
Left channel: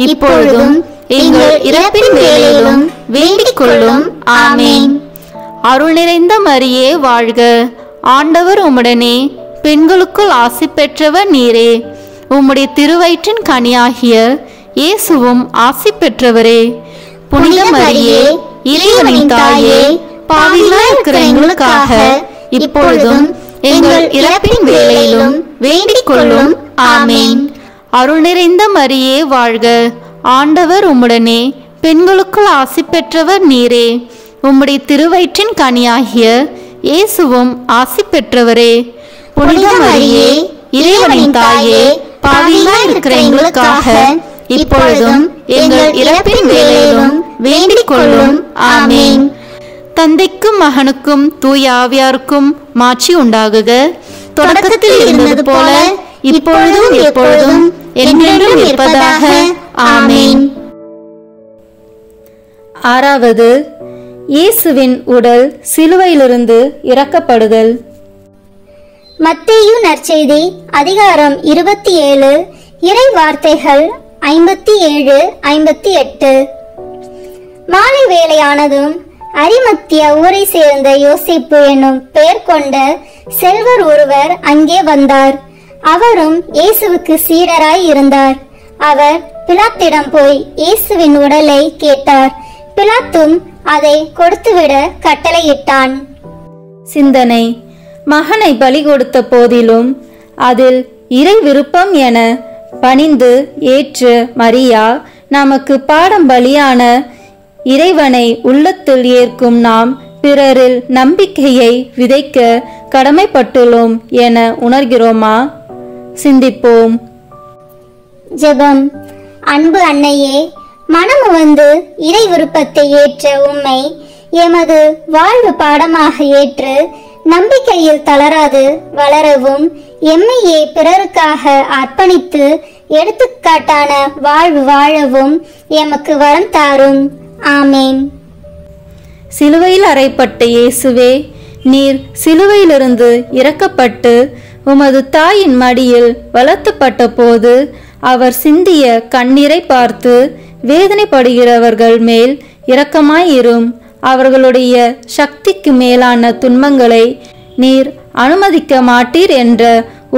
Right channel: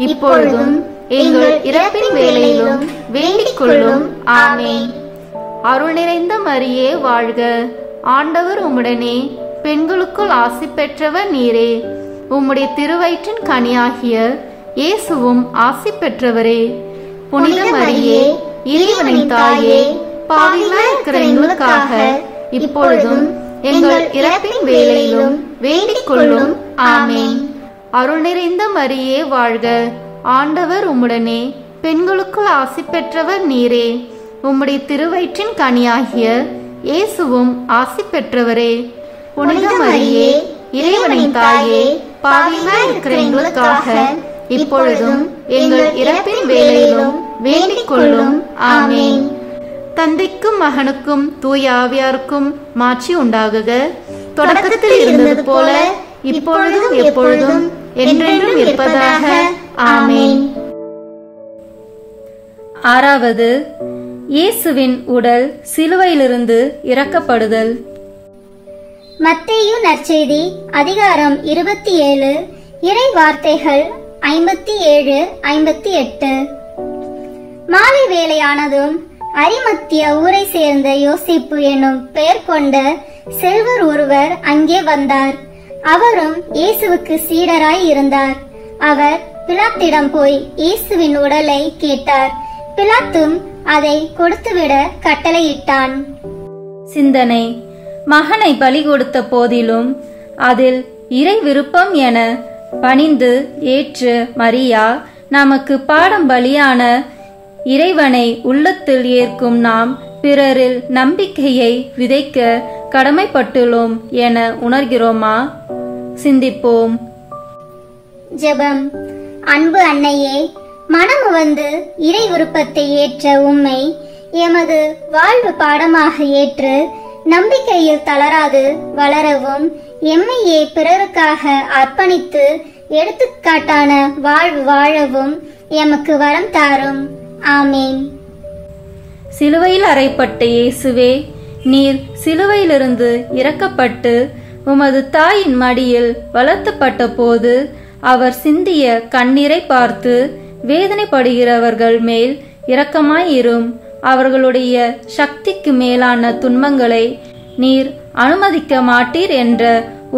இப்பொழுதும் எங்கள் இறப்பின் வேளையிலும் வேண்டிக் கொள்ளும். ஆமீன். அருள் நிறைந்த மரியே வாழ்க. ஆண்டவர் உம்முடனே, பெண்களுக்குள் ஆசி பெற்றவர் நீரே. உம்முடைய திருவயிற்றின் கனியாகிய இயேசுவும் ஆசி பெற்றவரே. புனித மரியே, இறைவனின் தாயே, பாவிகளாய் இருக்கிற எங்களுக்காக இப்பொழுதும் எங்கள் இறப்பின் வேளையிலும் வேண்டிக் கொள்ளும். ஆமீன். அருள் நிறைந்த மரியே வாழ்க. ஆண்டவர் உம்முடனே, பெண்களுக்குள் ஆசி பெற்றவர் நீரே. உம்முடைய திருவயிற்றின் கனியாகிய இயேசுவும் ஆசி பெற்றவரே. புனித மரியே, இறைவனின் தாயே, பாவிகளாய் இருக்கிற எங்களுக்காக இப்பொழுதும் எங்கள் இறப்பின் வேளையிலும் வேண்டிக் கொள்ளும். ஆமீன். தந்தைக்கும் மகனுக்கும் தூய ஆவியாருக்கும் மாட்சி உண்டாகுக. தொடக்கத்தில் இருந்தது போல இப்பொழுதும் எப்பொழுதும் என்றென்றும் இருப்பதாக. ஆமீன். ஆறாவது, இயேசுவின் உடல் சிலுவையிலிருந்து இறக்கப்படுதல். மத்தேயு நற்செய்தி அதிகாரம் 27 இறை வார்த்தைகள் 57-58. மாலை வேளையானதும் அரிமத்தியா ஊரை சேர்ந்த யோசிப்பு என்னும் பெயர் கொண்ட செல்வர் ஒருவர் அங்கே வந்தார். அவரும் இயேசுவுக்கு சீடராய் இருந்தார். அவர் பிலாத்திடம் போய் இயேசுவின் உடலை கேட்டார். பிலாத்தும் அதை கொடுத்துவிட கட்டளையிட்டான். சிந்தனை: மகனை பலி கொடுத்த போதிலும் அதில் இறை விருப்பம் என பணிந்து ஏற்று மரியா நமக்கு பாடம் பலியான இறைவனை உள்ளத்தில் ஏற்கும் நாம் பிறரில் நம்பிக்கையை விதைக்க கடமைப்பட்டுள்ளோம் என உணர்கிறோமா? சிந்திப்போம். ஜெபம். அன்பு அன்னையே, மனமு வந்து இறை விருப்பத்தை ஏற்ற உம்மை எமது வாழ்வு பாடமாக ஏற்று நம்பிக்கையில் தளராது வளரவும் எம்மையே பிறருக்காக அர்ப்பணித்து எடுத்துக்காட்டான வாழ்வு வாழவும் எமக்கு வரம் தாரும். ஆமேன். சிலுவையில் அறையப்பட்ட இயேசுவே, நீர் சிலுவையிலிருந்து இறக்கப்பட்டு உமது தாயின் மடியில் வளர்த்தப்பட்ட போது அவர் சிந்திய கண்ணீரை பார்த்து வேதனைப்படுகிறவர்கள் மேல் இரக்கமாயிரும். அவர்களுடைய சக்திக்கு மேலான துன்பங்களை நீர் அனுமதிக்க மாட்டீர் என்ற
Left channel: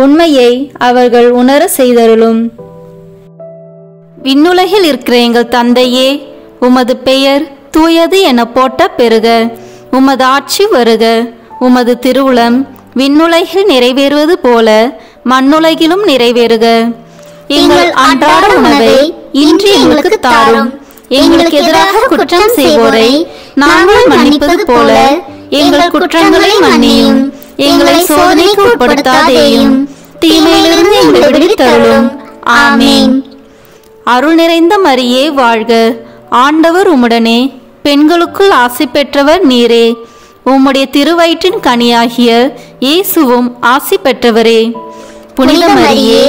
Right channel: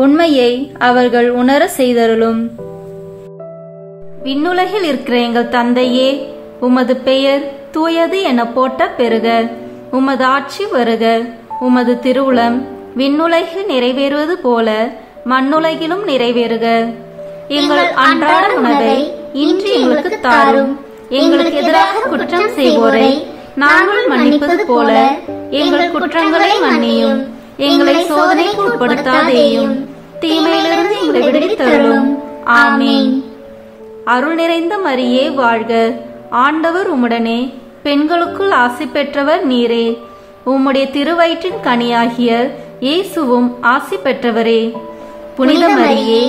உண்மையை அவர்கள் உணர செய்தருளும். விண்ணுலகில் இருக்கிற எங்கள் தந்தையே, உமது பெயர் தூயது என போட்ட பெறுக. உமது ஆட்சி வருக. உமது திருவுளம் விண்ணுலகில் நிறைவேறுவது போல மண்ணுலகிலும் நிறைவேறுக. எங்கள் அன்றாட உணவை இன்று எங்களுக்கு தாரும். எங்களுக்கு எதிராக குற்றம் செய்வோரை நாங்கள் மன்னிப்பது போல எங்கள் குற்றங்களை மன்னியும். எங்களை சோதனைக்கு உட்படுத்தாதேயும், தீமையிலிருந்து எங்களை விடுவித்தருளும். ஆமேன். அருள் நிறைந்த மரியே வாழ்க. ஆண்டவர் உம்முடனே, பெண்களுக்குள் ஆசி பெற்றவர் நீரே. உம்முடைய திருவயிற்றின் கனியாகிய இயேசுவும் ஆசி பெற்றவரே. புனித மரியே,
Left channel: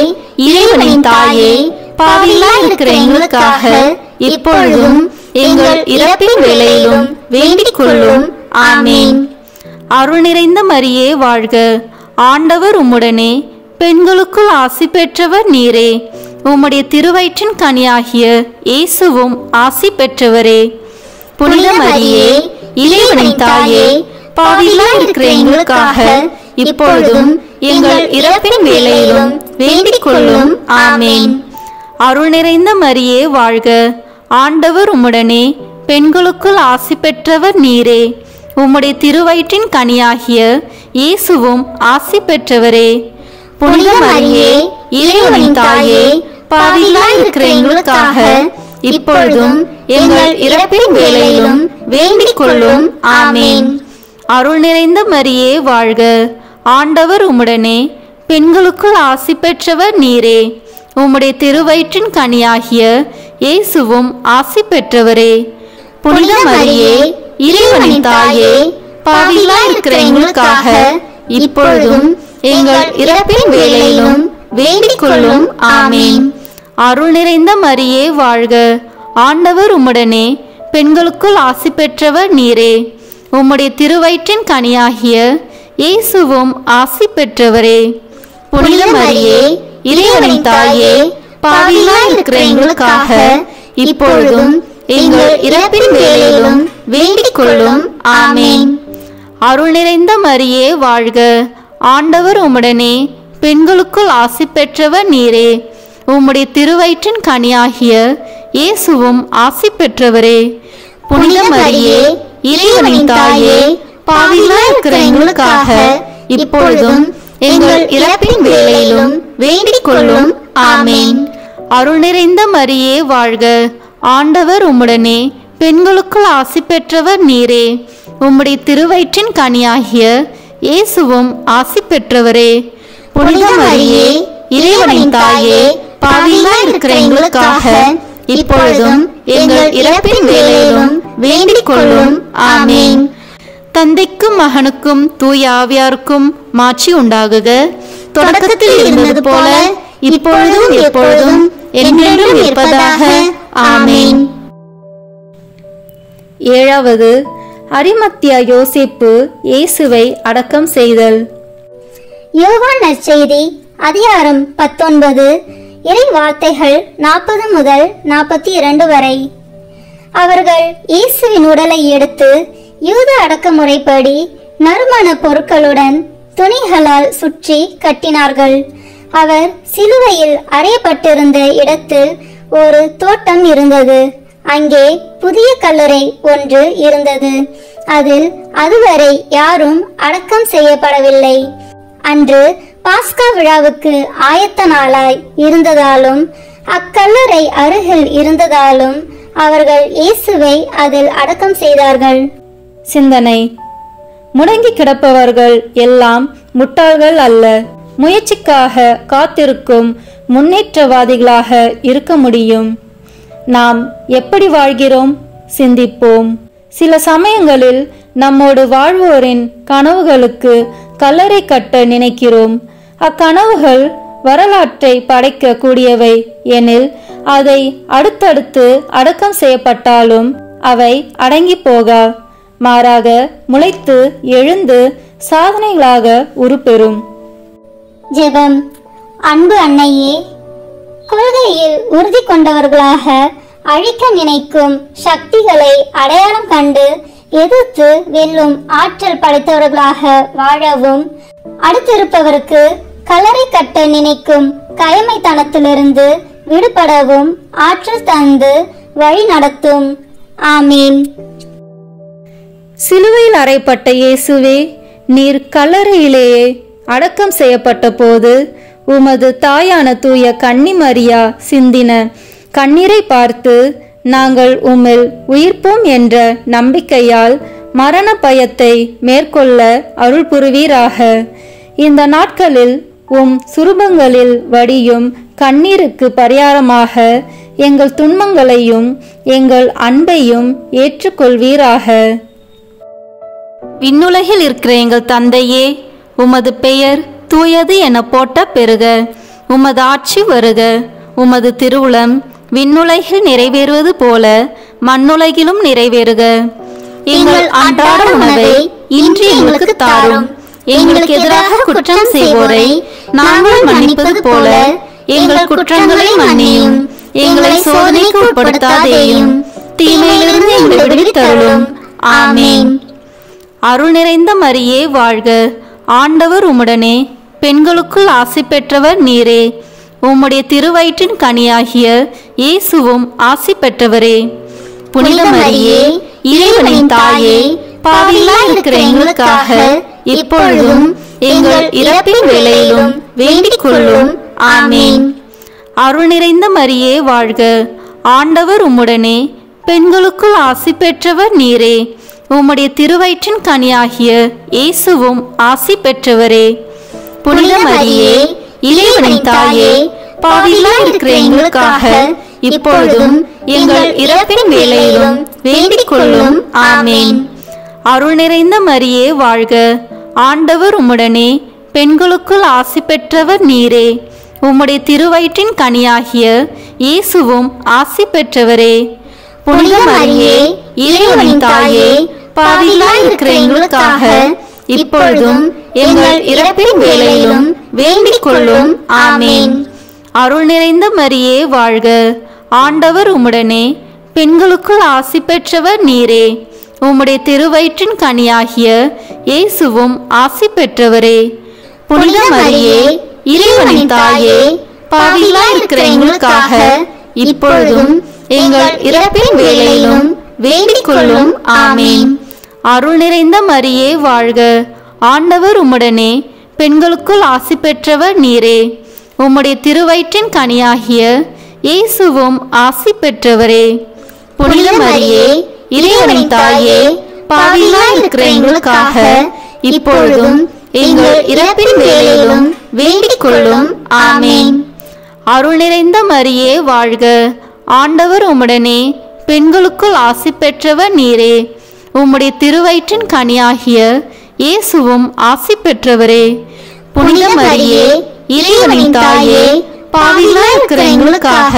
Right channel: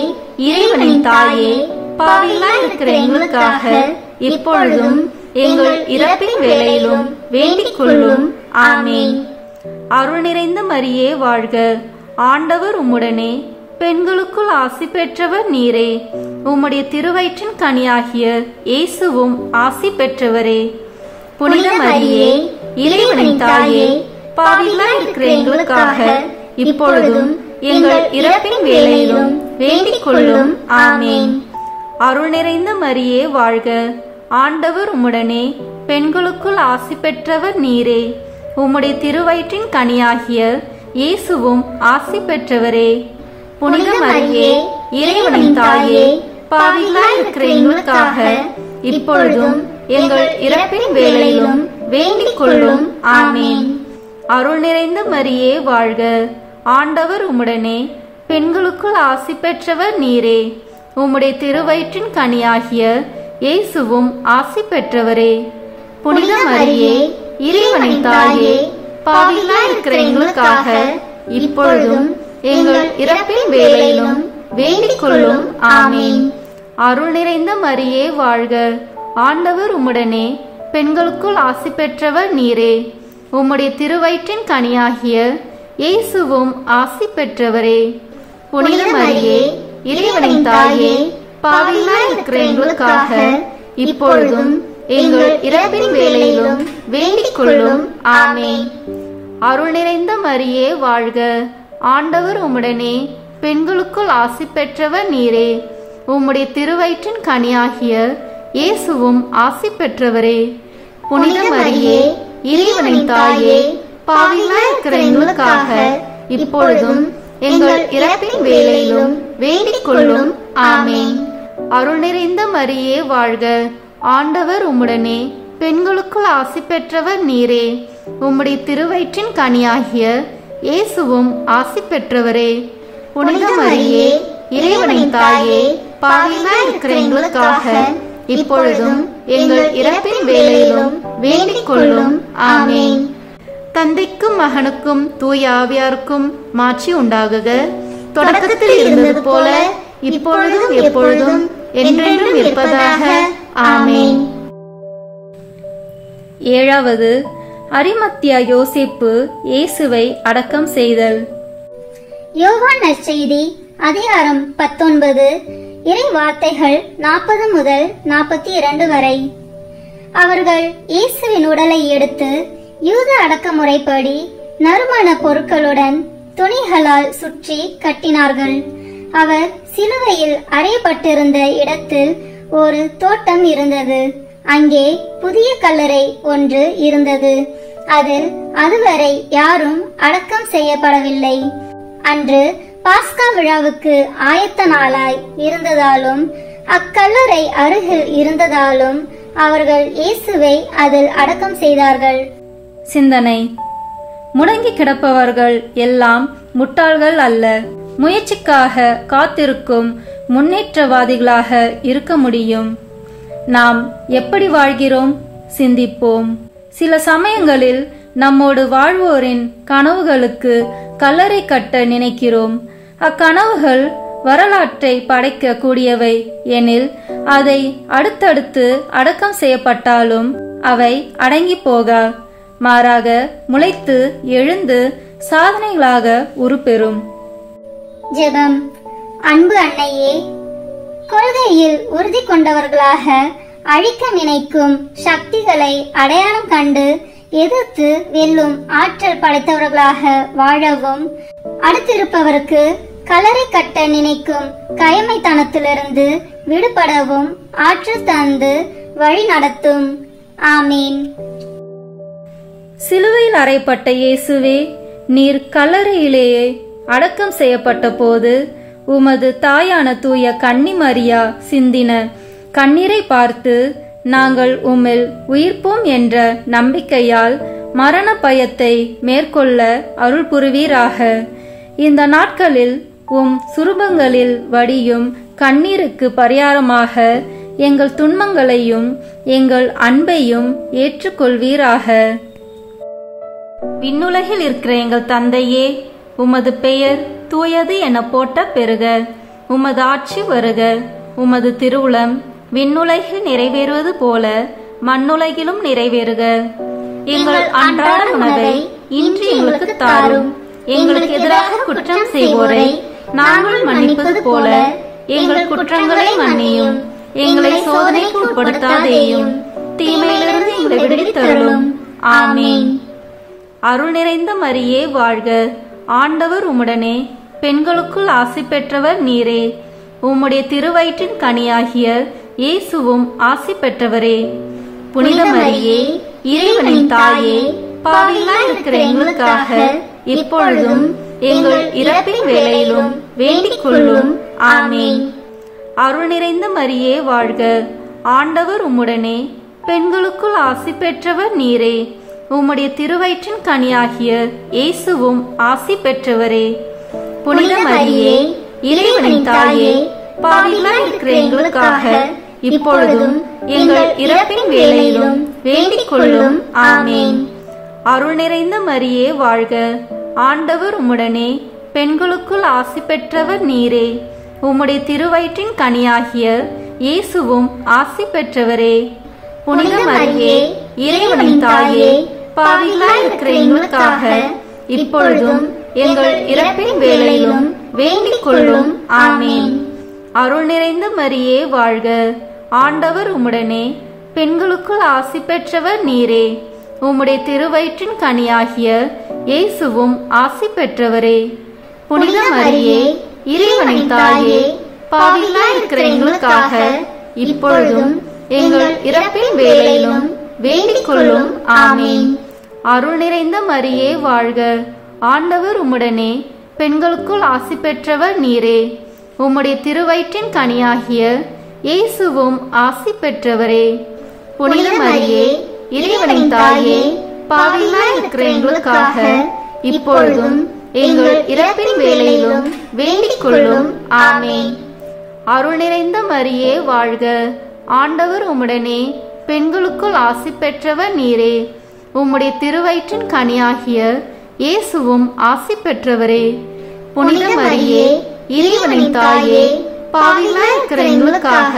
இறைவனின் தாயே, பாவிகளாய் இருக்கிற எங்களுக்காக இப்பொழுதும் எங்கள் இறப்பின் வேளையிலும் வேண்டிக் கொள்ளும். ஆமேன். அருள் நிறைந்த மரியே வாழ்க. ஆண்டவர் உம்முடனே, பெண்களுக்குள் ஆசி பெற்றவர் நீரே. உம்முடைய திருவயிற்றின் கனியாகிய இயேசுவும் ஆசி பெற்றவரே. புனித மரியே, இறைவனின் தாயே, பாவிகளாய் இருக்கிற எங்களுக்காக இப்பொழுதும் எங்கள் இறப்பின் வேளையிலும் வேண்டிக் கொள்ளும். ஆமேன். அருள் நிறைந்த மரியே வாழ்க. ஆண்டவர் உம்முடனே, பெண்களுக்குள் ஆசி பெற்றவர் நீரே. உம்முடைய திருவயிற்றின் கனியாகிய இயேசுவும் ஆசி பெற்றவரே. புனித மரியே, இறைவனின் தாயே, பாவிகளாய் இருக்கிற எங்களுக்காக இப்பொழுதும் எங்கள் இறப்பின் வேளையிலும் வேண்டிக் கொள்ளும். ஆமேன். அருள் நிறைந்த மரியே வாழ்க. ஆண்டவர் உம்முடனே, பெண்களுக்குள் ஆசி பெற்றவர் நீரே. உம்முடைய திருவயிற்றின் கனியாகிய இயேசுவும் ஆசி பெற்றவரே. புனித மரியே, இறைவனின் தாயே, பாவிகளாய் இருக்கிற எங்களுக்காக இப்பொழுதும் எங்கள் இறப்பின் வேளையிலும் வேண்டிக் கொள்ளும். ஆமேன். அருள் நிறைந்த மரியே வாழ்க. ஆண்டவர் உம்முடனே, பெண்களுக்குள் ஆசி பெற்றவர் நீரே. உம்முடைய திருவயிற்றின் கனியாகிய இயேசுவும் ஆசி பெற்றவரே. புனித மரியே, இறைவனின் தாயே, பாவிகளாய் இருக்கிற எங்களுக்காக இப்பொழுதும் எங்கள் இறப்பின் வேளையிலும் வேண்டிக் கொள்ளும். ஆமேன். அருள் நிறைந்த மரியே வாழ்க. ஆண்டவர் உம்முடனே, பெண்களுக்குள் ஆசி பெற்றவர் நீரே. உம்முடைய திருவயிற்றின் கனியாகிய இயேசுவும் ஆசி பெற்றவரே. புனித மரியே, இறைவனின் தாயே, பாவிகளாய் இருக்கிற எங்களுக்காக இப்பொழுதும் எங்கள் இறப்பின் வேளையிலும் வேண்டிக் கொள்ளும். ஆமேன். அருள் நிறைந்த மரியே வாழ்க. ஆண்டவர் உம்முடனே, பெண்களுக்குள் ஆசி பெற்றவர் நீரே. உம்முடைய திருவயிற்றின் கனியாகிய இயேசுவும் ஆசி பெற்றவரே. புனித மரியே, இறைவனின் தாயே, பாவிகளாய் இருக்கிற எங்களுக்காக இப்பொழுதும் எங்கள் இறப்பின் வேளையிலும் வேண்டிக் கொள்ளும். ஆமேன். தந்தைக்கும் மகனுக்கும் தூய ஆவியாருக்கும் மாட்சி உண்டாகுக. தொடக்கத்தில் இருந்தது போல இப்பொழுதும் எப்பொழுதும் என்றென்றும் இருப்பதாக. ஆமேன். ஏழாவது, அரிமத்தியா யோசேப்பு இயேசுவை அடக்கம் செய்தல். யோவான் நற்செய்தி அதிகாரம் 19 இறை வார்த்தைகள் 40 முதல் 42 வரை. அவர்கள் இயேசுவின் உடலை எடுத்து யூத அடக்குமுறைப்படி நறுமண பொருட்களுடன் துணிகளால் சுற்றி கட்டினார்கள். அவர் சிலுவையில் அறையப்பட்டிருந்த இடத்தில் ஒரு தோட்டம் இருந்தது. அங்கே புதிய கல்லறை ஒன்று இருந்தது. அதில் அதுவரை யாரும் அடக்கம் செய்யப்படவில்லை. அன்று பாஸ்கா விழாவுக்கு ஆயத்த நாளாய் இருந்ததாலும் அக்கல்லறை அருகில் இருந்ததாலும் அவர்கள் இயேசுவை அதில் அடக்கம் செய்தார்கள். சிந்தனை: முடங்கி கிடப்பவர்கள் எல்லாம் முட்டாள்கள் அல்ல. முயற்சிக்காக காத்திருக்கும் முன்னேற்றவாதிகளாக இருக்க முடியும். நாம் எப்படி வாழ்கிறோம்? சிந்திப்போம். சில சமயங்களில் நம்மோடு வாழ்வோரின் கனவுகளுக்கு கல்லறை கட்ட நினைக்கிறோம். அக்கனவுகள் வரலாற்றை படைக்க கூடியவை எனில் அதை அடுத்தடுத்து அடக்கம் செய்யப்பட்டாலும் அவை அடங்கி போகா, மாறாக முளைத்து எழுந்து சாதனைகளாக உருப்பெறும். ஜெபம். அன்பு அன்னையே, கொள்கையில் உறுதி கொண்டவர்களாக அழிக்க நினைக்கும் சக்திகளை அடையாளம் கண்டு எதிர்த்து வெல்லும் ஆற்றல் படைத்தவர்களாக வாழவும், அடுத்திருப்பவருக்கு கல்லறை கட்ட நினைக்கும் கயமைத்தனத்திலிருந்து விடுபடவும் ஆற்றல் தந்து வழி நடத்தும். ஆமீன். சிலுவையில் அறையப்பட்ட இயேசுவே, நீர் கல்லறையிலேயே அடக்கம் செய்யப்பட்ட போது உமது தாயான தூய கன்னிமரியா சிந்தின கண்ணீரை பார்த்து நாங்கள் உம்மில் உயிர்ப்போம் என்ற நம்பிக்கையால் மரண பயத்தை மேற்கொள்ள அருள் புரிவீராக. இந்த நாட்களில் சுரூபங்களில் வடியும் கண்ணீருக்கு பரிகாரமாக எங்கள் துன்பங்களையும் எங்கள் அன்பையும் ஏற்றுக்கொள்வீராக. விண்ணுலகில் இருக்கிற எங்கள் தந்தையே, உமது பெயர் தூயது என போட்ட பெருக. உமது ஆட்சி வருக. உமது திருவுளம் விண்ணுலகில் நிறைவேறுவது போல மண்ணுலகிலும் நிறைவேறுக. எங்கள் அன்றாட உணவை இன்று எங்களுக்கு தாரும். எங்களுக்கு எதிராக குற்றம் செய்வோரை நாங்கள் மன்னிப்பது போல எங்கள் குற்றங்களை மன்னியும். எங்களை சோதனைக்கு உட்படுத்தாதேயும், தீமையிலிருந்து எங்களை விடுவித்தருளும். ஆமீன். அருள் நிறைந்த மரியே வாழ்க. ஆண்டவர் உம்முடனே, பெண்களுக்குள் ஆசி பெற்றவர் நீரே. உம்முடைய திருவயிற்றின் கனியாகிய இயேசுவும் ஆசி பெற்றவரே. புனித மரியே, இறைவனின் தாயே, பாவிகளாய் இருக்கிற எங்களுக்காக இப்பொழுதும் எங்கள் இறப்பின் வேளையிலும் வேண்டிக் கொள்ளும். ஆமீன். அருள் நிறைந்த மரியே வாழ்க. ஆண்டவர் உம்முடனே, பெண்களுக்குள் ஆசி பெற்றவர் நீரே. உம்முடைய திருவயிற்றின் கனியாகிய இயேசுவும் ஆசி பெற்றவரே. புனித மரியே, இறைவனின் தாயே, பாவிகளாய் இருக்கிற எங்களுக்காக இப்பொழுதும் எங்கள் இறப்பின் வேளையிலும் வேண்டிக் கொள்ளும். ஆமீன். அருள் நிறைந்த மரியே வாழ்க. ஆண்டவர் உம்முடனே, பெண்களுக்குள் ஆசி பெற்றவர் நீரே. உம்முடைய திருவயிற்றின் கனியாகிய இயேசுவும் ஆசி பெற்றவரே. புனித மரியே, இறைவனின் தாயே, பாவிகளாய் இருக்கிற எங்களுக்காக இப்பொழுதும் எங்கள் இறப்பின் வேளையிலும் வேண்டிக் கொள்ளும். ஆமீன். அருள் நிறைந்த மரியே வாழ்க. ஆண்டவர் உம்முடனே, பெண்களுக்குள் ஆசி பெற்றவர் நீரே. உம்முடைய திருவயிற்றின் கனியாகிய இயேசுவும் ஆசி பெற்றவரே. புனித மரியே, இறைவனின் தாயே, பாவிகளாய் இருக்கிற எங்களுக்காக இப்பொழுதும் எங்கள் இறப்பின் வேளையிலும் வேண்டிக் கொள்ளும். ஆமீன். அருள் நிறைந்த மரியே வாழ்க. ஆண்டவர் உம்முடனே, பெண்களுக்குள் ஆசி பெற்றவர் நீரே. உம்முடைய திருவயிற்றின் கனியாகிய இயேசுவும் ஆசி பெற்றவரே. புனித மரியே, இறைவனின் தாயே, பாவிகளாய் இருக்கிற எங்களுக்காக இப்பொழுதும் எங்கள் இறப்பின் வேளையிலும் வேண்டிக் கொள்ளும். ஆமீன். அருள் நிறைந்த மரியே வாழ்க. ஆண்டவர் உம்முடனே, பெண்களுக்குள் ஆசி பெற்றவர் நீரே. உம்முடைய திருவயிற்றின் கனியாகிய இயேசுவும் ஆசி பெற்றவரே. புனித மரியே, இறைவனின் தாயே, பாவிகளாய் இருக்கிற எங்களுக்காக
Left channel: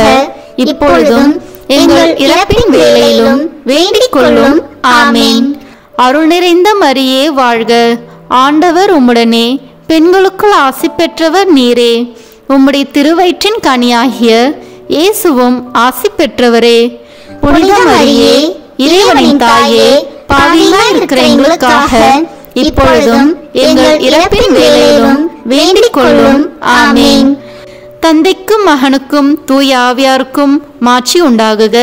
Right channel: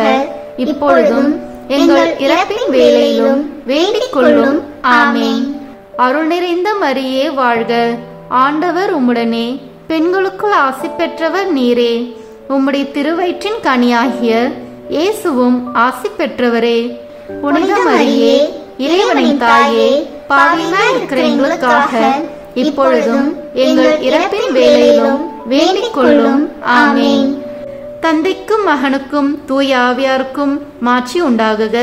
இப்பொழுதும் எங்கள் இறப்பின் வேளையிலும் வேண்டிக் கொள்ளும். ஆமீன். அருள் நிறைந்த மரியே வாழ்க. ஆண்டவர் உம்முடனே, பெண்களுக்குள் ஆசி பெற்றவர் நீரே. உம்முடைய திருவயிற்றின் கனியாகிய இயேசுவும் ஆசி பெற்றவரே. புனித மரியே, இறைவனின் தாயே, பாவிகளாய் இருக்கிற எங்களுக்காக இப்பொழுதும் எங்கள் இறப்பின் வேளையிலும் வேண்டிக் கொள்ளும். ஆமீன். தந்தைக்கும் மகனுக்கும் தூய ஆவியாருக்கும் மாட்சி உண்டாகுக.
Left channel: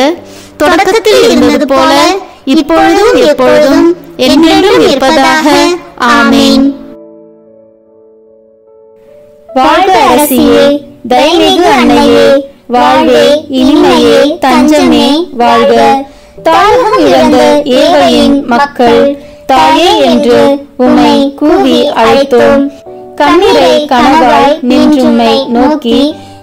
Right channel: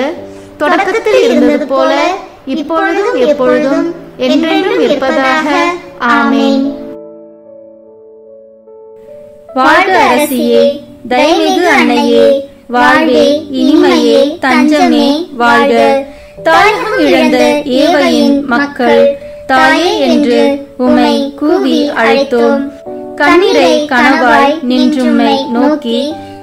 தொடக்கத்தில் இருந்தது போல இப்பொழுதும் எப்பொழுதும் என்றென்றும் இருப்பதாக. ஆமீன். வாழ்க அரசியே, தயமிகு அன்னையே, வாழ்வே இனிமையே, தஞ்சமே வாழ்க. தாயகம் இழந்த ஏழையின் மக்கள் தாயே என்று உம்மை கூவி அழைத்தோம். கண்ணீரை கனவாய் நின்றும்மை நோக்கி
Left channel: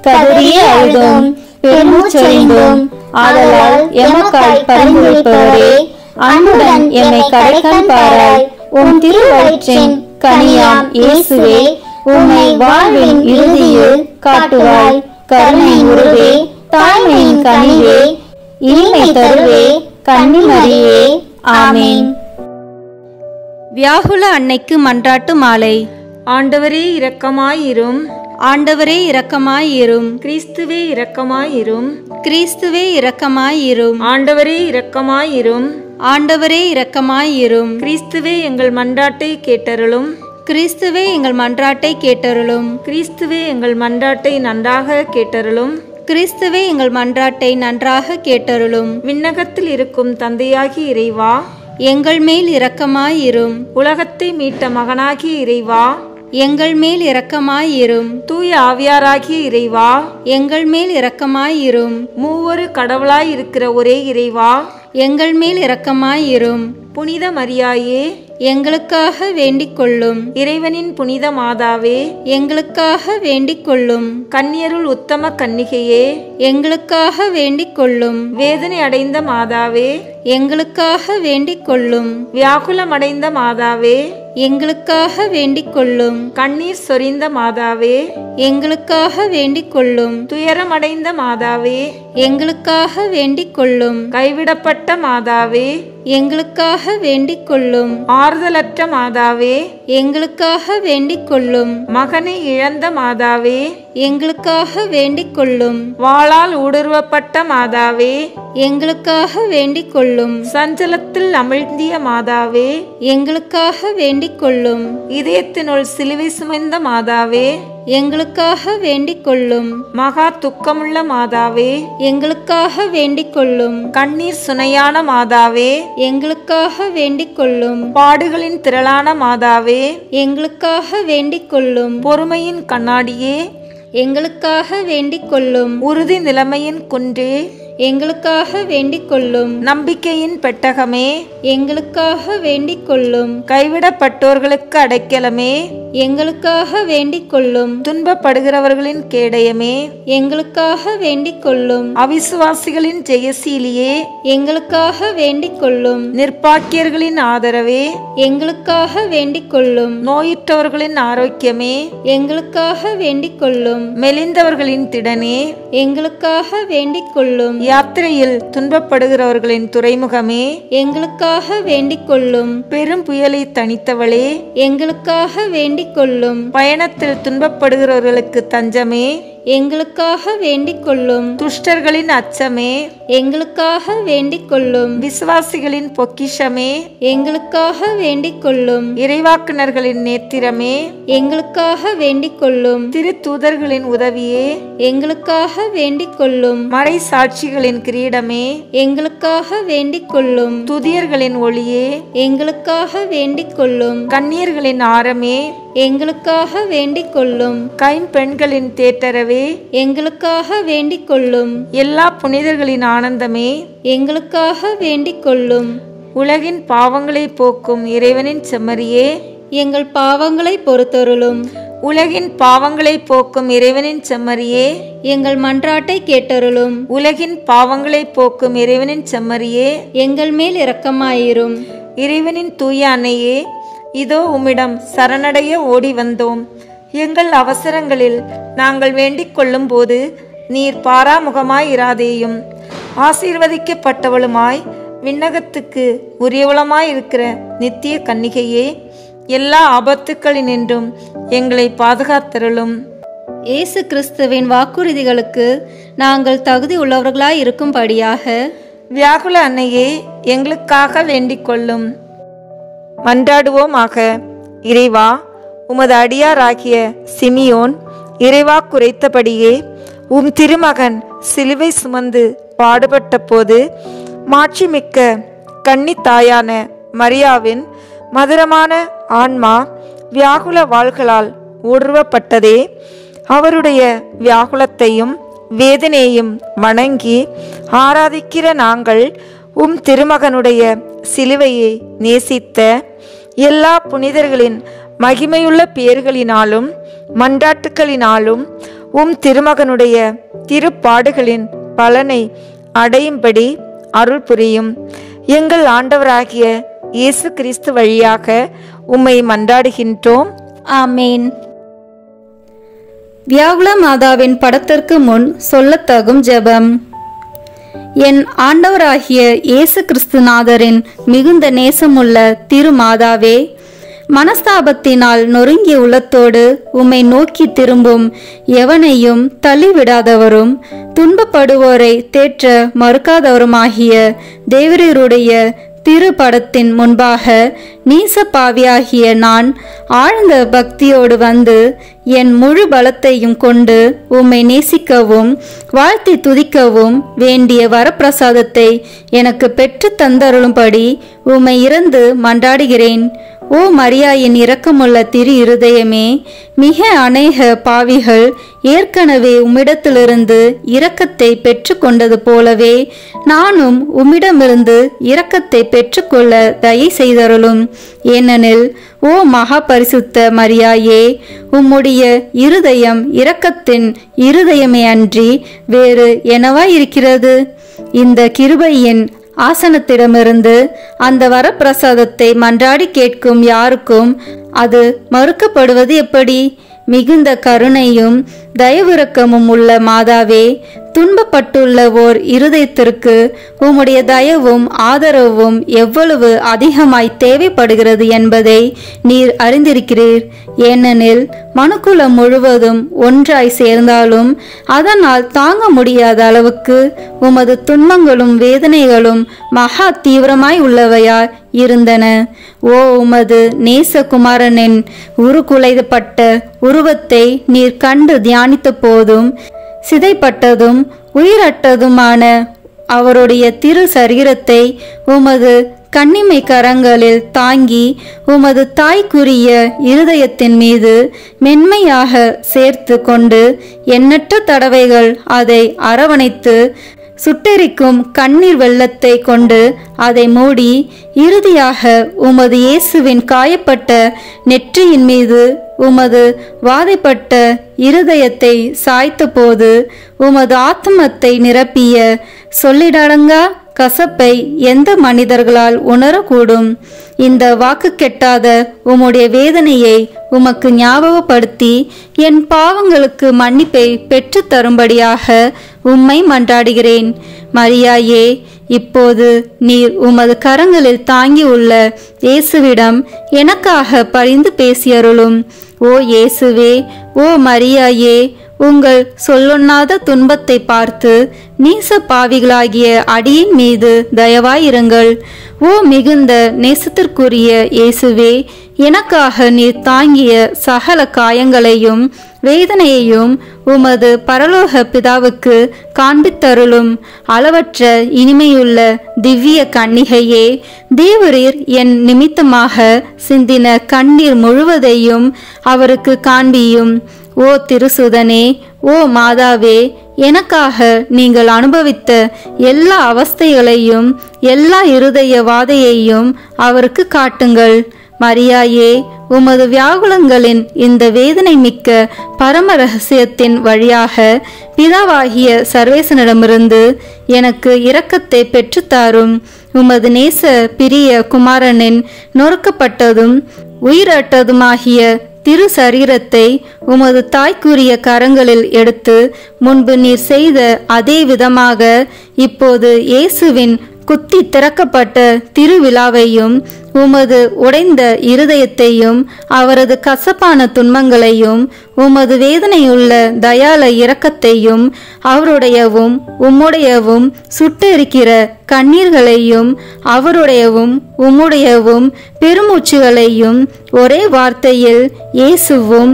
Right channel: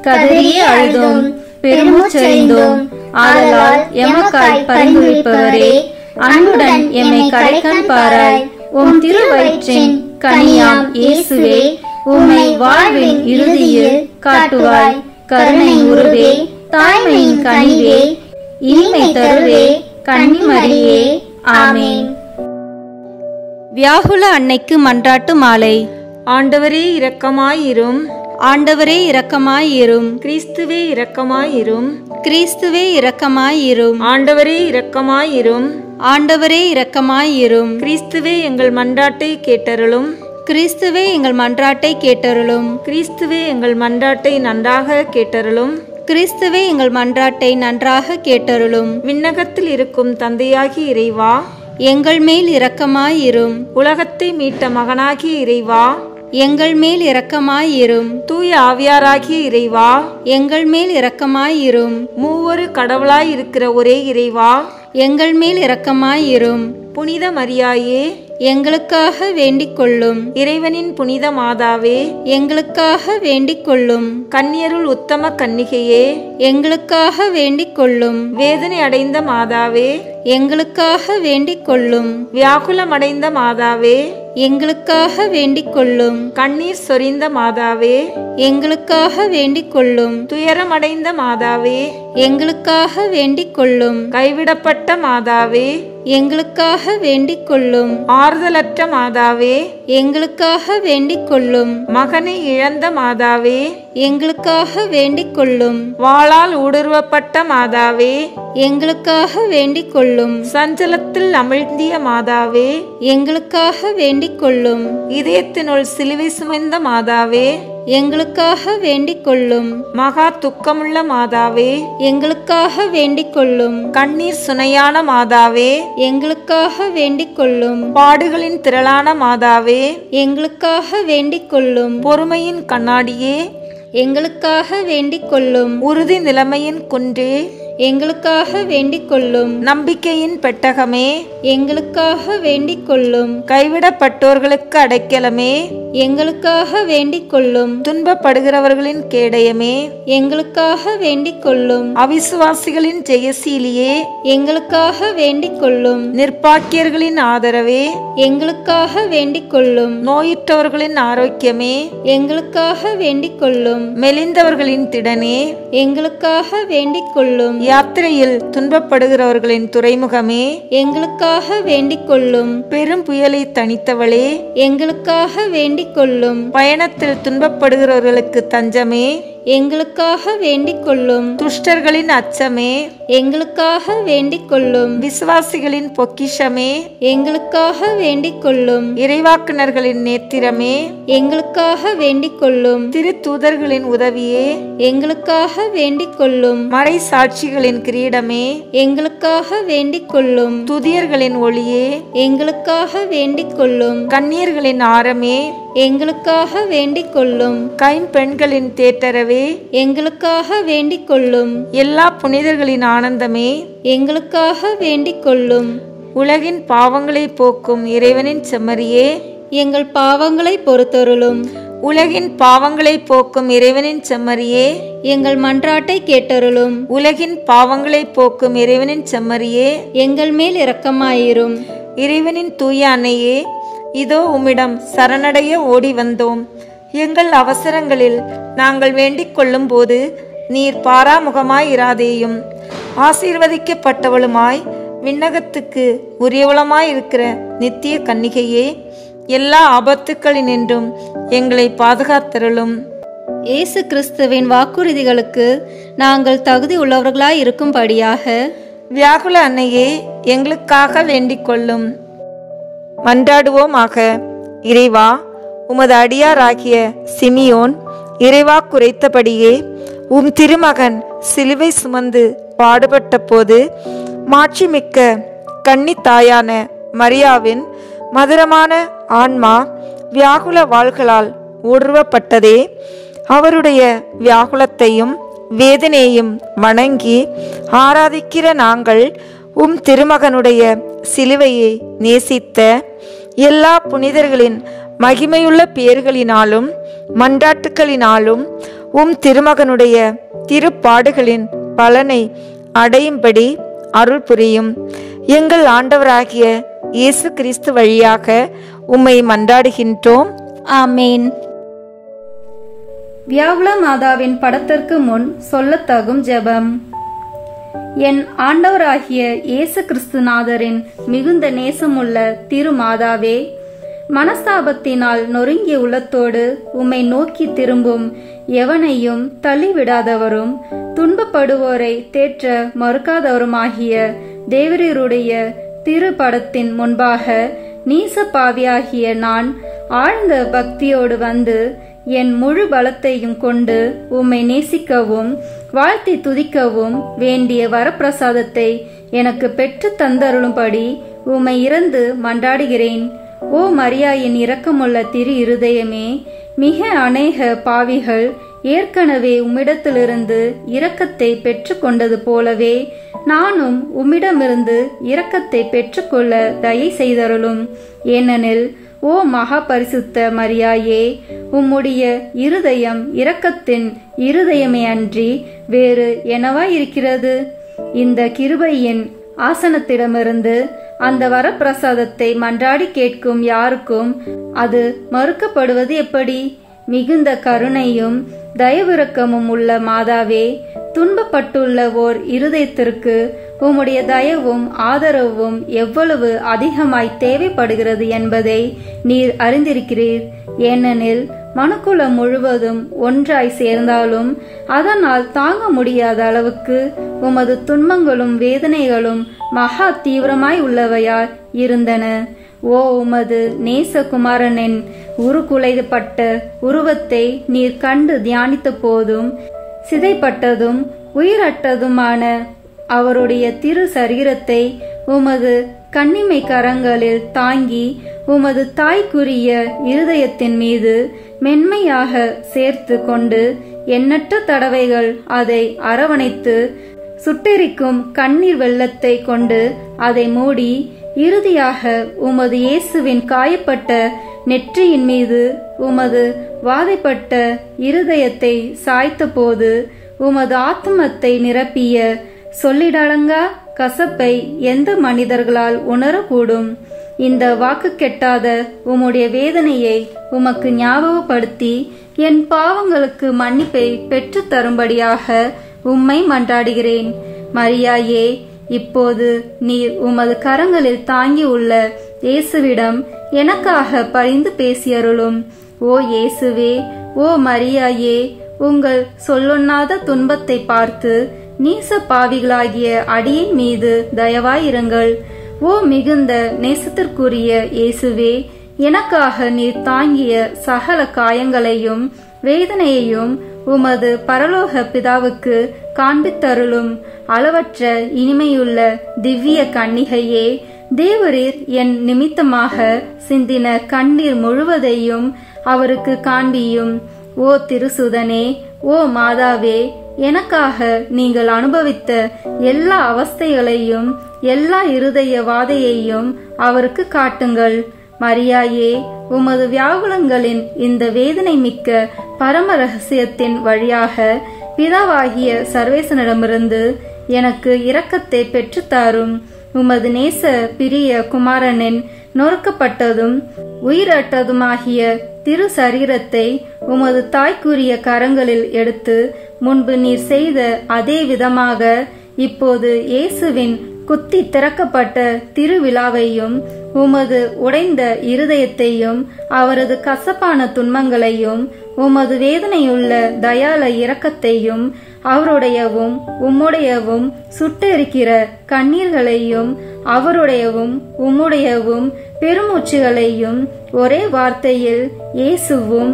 கதறியே அழுதோம், பெருமூச்சறிந்தோம். ஆதலால் எமக்காய் பரிந்துரைப்பவரே, அன்புடன் எம்மை கடைக்கண் பாராய். உம் திருவயிற்றின் கனியாம் இயேசுவே, உம்மை வாழ்வின் இறுதியில் காட்டுவாய். கருணை உருவே, தாய்மையின் கனிவே, இனிமை தருவே, கன்னிமரியே. ஆமென். வியாகுல அன்னைக்கு மன்றாட்டு மாலை. ஆண்டவரே இரக்கமாயிரும். ஆண்டவரே இரக்கமாயிரும். கிறிஸ்துவே இரக்கமாயிரும். கிறிஸ்துவே இரக்கமாயிரும். ஆண்டவரே இரக்கமாயிரும். ஆண்டவரே இரக்கமாயிரும். கிறிஸ்துவே எங்கள் மன்றாட்டை கேட்டருளும். கிறிஸ்துவே எங்கள் மன்றாட்டை கேட்டருளும். கிறிஸ்துவே எங்கள் மன்றாட்டை நன்றாக கேட்டருளும். கிறிஸ்துவே எங்கள் மன்றாட்டை நன்றாக கேட்டருளும். விண்ணகத்தில் இருக்கும் தந்தையாகி இறைவா, எங்கள் மேல் இரக்கமாயிரும். உலகத்தை மீட்ட மகனாகிய இறைவா, எங்கள் மேல் இரக்கமாயிரும். தூய ஆவியாராகிய இறைவா, எங்கள் மேல் இரக்கமாயிரும். மூவொரு கடவுளாய் இருக்கிற ஒரே இறைவா, எங்கள் மேல் இரக்கமாயிரும். புனித மரியாயே, எங்களுக்காக வேண்டிக் கொள்ளும். இறைவனின் புனித மாதாவே, எங்களுக்காக வேண்டிக் கொள்ளும். கன்னியருள் உத்தம கன்னிகையே, எங்களுக்காக வேண்டிக் கொள்ளும். வேதனை அடைந்த மாதாவே, எங்களுக்காக வேண்டிக் கொள்ளும். வியாகுலமடைந்த மாதாவே, எங்களுக்காக வேண்டிக் கொள்ளும். கண்ணீர் சொரிந்த மாதாவே, எங்களுக்காக வேண்டிக் கொள்ளும். துயரமடைந்த மாதாவே, எங்களுக்காக வேண்டிக் கொள்ளும். கைவிடப்பட்ட மாதாவே, எங்களுக்காக வேண்டிக் கொள்ளும். ஆறுதலற்ற மாதாவே, எங்களுக்காக வேண்டிக் கொள்ளும். மகனை இழந்த மாதாவே, எங்களுக்காக வேண்டிக் கொள்ளும். வாளால் ஊடுருவப்பட்ட மாதாவே, எங்களுக்காக வேண்டிக் கொள்ளும். சஞ்சலத்தில் அமிழ்ந்திய மாதாவே, எங்களுக்காக வேண்டிக் கொள்ளும். இதயத்தினுள் சிலுவை சுமந்த மாதாவே, எங்களுக்காக வேண்டிக் கொள்ளும். மகா துக்கமுள்ள மாதாவே, எங்களுக்காக வேண்டிக் கொள்ளும். கண்ணீர் சுனையான மாதாவே, எங்களுக்காக வேண்டிக் கொள்ளும். பாடுகளின் திரளான மாதாவே, எங்களுக்காக வேண்டிக் கொள்ளும். பொறுமையின் கண்ணாடியே, எங்களுக்காக வேண்டிக் கொள்ளும். உறுதி நிலைமையின் குன்றே, எங்களுக்காக வேண்டிக் கொள்ளும். நம்பிக்கையின் பெட்டகமே, எங்களுக்காக வேண்டிக் கொள்ளும். கைவிடப்பட்டோர்களுக்கு அடைக்கலமே, எங்களுக்காக வேண்டிக் கொள்ளும். துன்பப்படுகிறவர்களின் கேடயமே, எங்களுக்காக வேண்டிக் கொள்ளும். அவிசுவாசிகளின் ஜெயசீலியே, எங்களுக்காக வேண்டிக் கொள்ளும். நிர்பாக்கியர்களின் ஆதரவே, எங்களுக்காக வேண்டிக் கொள்ளும். நோயுற்றவர்களின் ஆரோக்கியமே, எங்களுக்காக வேண்டிக் கொள்ளும். மெலிந்தவர்களின் திடனே, எங்களுக்காக வேண்டிக் கொள்ளும். யாத்திரையில் துன்பப்படுகிறவர்களின் துறைமுகமே, எங்களுக்காக வேண்டிக் கொள்ளும். பெரும் புயலை தணித்தவளே, எங்களுக்காக வேண்டிக் கொள்ளும். பயணத்தில் துன்பப்படுகிறவர்களுக்கு தஞ்சமே, எங்களுக்காக வேண்டிக் கொள்ளும். துஷ்டர்களின் அச்சமே, எங்களுக்காக வேண்டிக் கொள்ளும். விசுவாசிகளின் பொக்கிஷமே, எங்களுக்காக வேண்டிக் கொள்ளும். இறைவாக்குனர்களின் நேத்திரமே, எங்களுக்காக வேண்டிக் கொள்ளும். திருத்தூதர்களின் உதவியே, எங்களுக்காக வேண்டிக் கொள்ளும். மறை சாட்சிகளின் கிரீடமே, எங்களுக்காக வேண்டிக் கொள்ளும். துதியர்களின் ஒளியே, எங்களுக்காக வேண்டிக் கொள்ளும். கன்னியர்களின் ஆரமே, எங்களுக்காக வேண்டிக் கொள்ளும். கைம்பெண்களின் தேட்டரவே, எங்களுக்காக வேண்டிக் கொள்ளும். எல்லா புனிதர்களின் ஆனந்தமே, எங்களுக்காக வேண்டிக் கொள்ளும். உலகின் பாவங்களை போக்கும் இறைவனின் செம்மறியே, எங்கள் பாவங்களை பொறுத்தருளும். உலகின் பாவங்களை போக்கும் இறைவனின் செம்மறியே, எங்கள் மன்றாட்டை கேட்டருளும். உலகின் பாவங்களை போக்கும் இறைவனின் செம்மறியே, எங்கள் மேல் இரக்கமாயிரும். இறைவனின் தூய அன்னையே, இதோ உம்மிடம் சரணடைய ஓடி வந்தோம். எங்கள் அவசரங்களில் நாங்கள் வேண்டிக் கொள்ளும் போது நீர் பாராமுகமாயிராதேயும். ஆசீர்வதிக்கப்பட்டவளுமாய் விண்ணகத்துக்கு உரியவளமாயிருக்கிற நித்திய கன்னிகையே, எல்லா ஆபத்துக்களினின்றும் எங்களை பாதுகாத்தருளும். இயேசு கிறிஸ்துவின் வாக்குறுதிகளுக்கு நாங்கள் தகுதி உள்ளவர்களாய் இருக்கும்படியாக வியாகுல அன்னையே, எங்களுக்காக வேண்டிக் கொள்ளும். மன்றாடுவோமாக. இறைவா, உமது அடியாராகிய சிமியோன் இறைவா குறைத்தபடியே உம் திருமகன் சிலுவை சுமந்து பாடுபட்ட போது மாட்சிமிக்க கன்னித்தாயான மரியாவின் மதுரமான ஆன்மா வியாகுல வாள்களால் ஊடுருவப்பட்டதே. அவருடைய வியாகுலத்தையும் வேதனையும் வணங்கி ஆராதிக்கிற நாங்கள் உம் திருமகனுடைய சிலுவையை நேசித்த எல்லா புனிதர்களின் மகிமையுள்ள பெயர்களினாலும் மன்றாட்டுக்களினாலும் உம் திருமகனுடைய திருப்பாடுகளின் பலனை அடையும்படி அருள் புரியும். எங்கள் ஆண்டவராகிய இயேசு கிறிஸ்து வழியாக உம்மை மன்றாடுகின்றோம். ஆமேன். வியாகுல மாதாவின் படத்திற்கு முன் சொல்லத்தகும் ஜெபம். என் ஆண்டவராகிய இயேசு கிறிஸ்துநாதரின் மிகுந்த நேசமுள்ள திருமாதாவே, மனஸ்தாபத்தினால் நொறுங்கிய உள்ளத்தோடு உம்மை நோக்கி திரும்பும் எவனையும் தள்ளிவிடாதவரும் துன்பப்படுவோரை தேற்ற மறுக்காதவருமாகிய தேவரீருடைய திருப்படத்தின் முன்பாக நீச பாவியாகிய நான் ஆழ்ந்த பக்தியோடு வந்து என் முழு பலத்தையும் கொண்டு உம்மை நேசிக்கவும் வாழ்த்தி துதிக்கவும் வேண்டிய வரப்பிரசாதத்தை எனக்கு பெற்று தந்தருளும்படி உம்மை இறந்து மன்றாடுகிறேன். ஓ மரியாயின் இரக்கமுள்ள திரு இருதயமே, மிக அநேக பாவிகள் ஏற்கனவே உம்மிடத்திலிருந்து இரக்கத்தை பெற்று கொண்டது போலவே நானும் உம்மிடமிருந்து இரக்கத்தை பெற்றுக்கொள்ள தயை செய்தருளும். ஏனெனில் ஓ மகா பரிசுத்த மரியாயே, உம்முடைய இருதயம் இரக்கத்தின் இருதயமே அன்றி வேறு என்னவாயிருக்கிறது? இந்த கிருபையின் ஆசனத்திடமிருந்து அந்த வரப்பிரசாதத்தை மன்றாடி கேட்கும் யாருக்கும் அது மறுக்கப்படுவது எப்படி? மிகுந்த கருணையும் தயவிரக்கமும் உள்ள மாதாவே, துன்பப்பட்டுள்ள ஓர் இருதயத்திற்கு உம்முடைய தயவும் ஆதரவும் எவ்வளவு அதிகமாய் தேவைப்படுகிறது என்பதை நீர் அறிந்திருக்கிறீர். ஏனெனில் மனுக்குலம் முழுவதும் ஒன்றாய் சேர்ந்தாலும் அதனால் தாங்க முடியாத அளவுக்கு உமது துன்பங்களும் வேதனைகளும் மகா தீவிரமாய் உள்ளவையாய் இருந்தன. ஓ உமது நேசகுமாரனின் உருக்குலைப்பட்ட உருவத்தை நீர் கண்டு தியானித்த போதும் சிதைப்பட்டதும் உயிரற்றதுமான அவருடைய திரு சரீரத்தை உமது கன்னிமை கரங்களில் தாங்கி உமது தாய்க்குரிய இருதயத்தின் மீது மென்மையாக சேர்த்து கொண்டு எண்ணற்ற தடவைகள் அதை அரவணைத்து சுட்டெரிக்கும் கண்ணீர் வெள்ளத்தை கொண்டு அதை மூடி இறுதியாக உமது இயேசுவின் காயப்பட்ட நெற்றியின் மீது உமது வாதைப்பட்ட இருதயத்தை சாய்த்த போது உமது ஆத்மத்தை நிரப்பிய சொல்லிடடங்கா கசப்பை எந்த மனிதர்களால் உணரக்கூடும்? இந்த வாக்கு கெட்டாத உம்முடைய வேதனையை உமக்கு ஞாபகப்படுத்தி என் பாவங்களுக்கு மன்னிப்பை பெற்று தரும்படியாக உம்மை மன்றாடுகிறேன். மரியாயே, இப்போது நீர் உமது கரங்களில் தாங்கியுள்ள இயேசுவிடம் எனக்காக பரிந்து பேசியருளும். ஓ இயேசுவே, ஓ மரியாயே, உங்கள் சொல்லொண்ணாத துன்பத்தை பார்த்து நீச பாவிகளாகிய அடியின் மீது தயவாயிருங்கள். ஓ மிகுந்த நேசத்திற்குரிய இயேசுவே, எனக்காக நீர் தாங்கிய சகல காயங்களையும் வேதனையையும் உமது பரலோக பிதாவுக்கு காண்பித்தருளும். அளவற்ற இனிமையுள்ள திவ்ய கன்னிகையே, தேவரீர் என் நிமித்தமாக சிந்தின கண்ணீர் முழுவதையும் அவருக்கு காண்பியும். ஓ திருசுதனே, ஓ மாதாவே, எனக்காக நீங்கள் அனுபவித்த எல்லா அவஸ்தைகளையும் எல்லா இருதய வாதையையும் அவருக்கு காட்டுங்கள். மரியாயே, உமது வியாகுலங்களின் இந்த வேதனை மிக்க பரம ரகசியத்தின் வழியாக பிதாவாகிய சர்வேசனிடமிருந்து எனக்கு இரக்கத்தை பெற்றுத்தாரும். உமது நேச பிரிய குமாரனின் நொறுக்கப்பட்டதும் உயிரற்றதுமாகிய திரு சரீரத்தை உமது தாய்க்குரிய கரங்களில் எடுத்து முன்பு நீர் செய்த அதே விதமாக இப்போது இயேசுவின் குத்தி திறக்கப்பட்ட திருவிழாவையும் உமது உடைந்த இருதயத்தையும் அவரது கசப்பான துன்பங்களையும் உமது வேதனையுள்ள தயால இரக்கத்தையும் அவருடையவும் உம்முடையவும் சுட்டெரிக்கிற கண்ணீர்களையும் அவருடையவும் உம்முடையவும் பெருமூச்சுகளையும் ஒரே வார்த்தையில் இயேசுவும்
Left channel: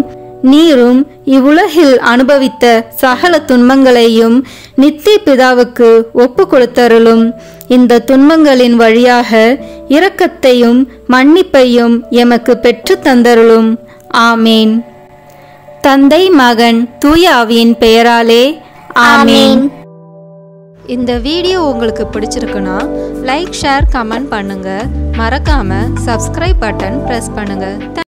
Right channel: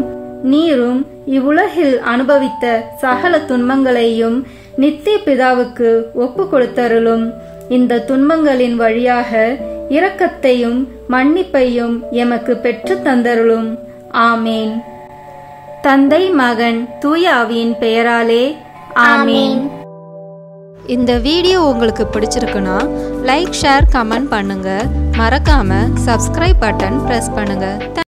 நீரும் இவ்வுலகில் அனுபவித்த சகல துன்பங்களையும் நித்திய பிதாவுக்கு ஒப்பு கொடுத்தருளும். இந்த துன்பங்களின் வழியாக இரக்கத்தையும் மன்னிப்பையும் எமக்கு பெற்று தந்தருளும். ஆமேன். தந்தை, மகன், தூய ஆவியின் பெயராலே ஆமேன். இந்த வீடியோ உங்களுக்கு பிடிச்சிருக்குன்னா லைக், ஷேர், கமெண்ட் பண்ணுங்க. மறக்காம சப்ஸ்கிரைப் பட்டன் பிரஸ் பண்ணுங்க.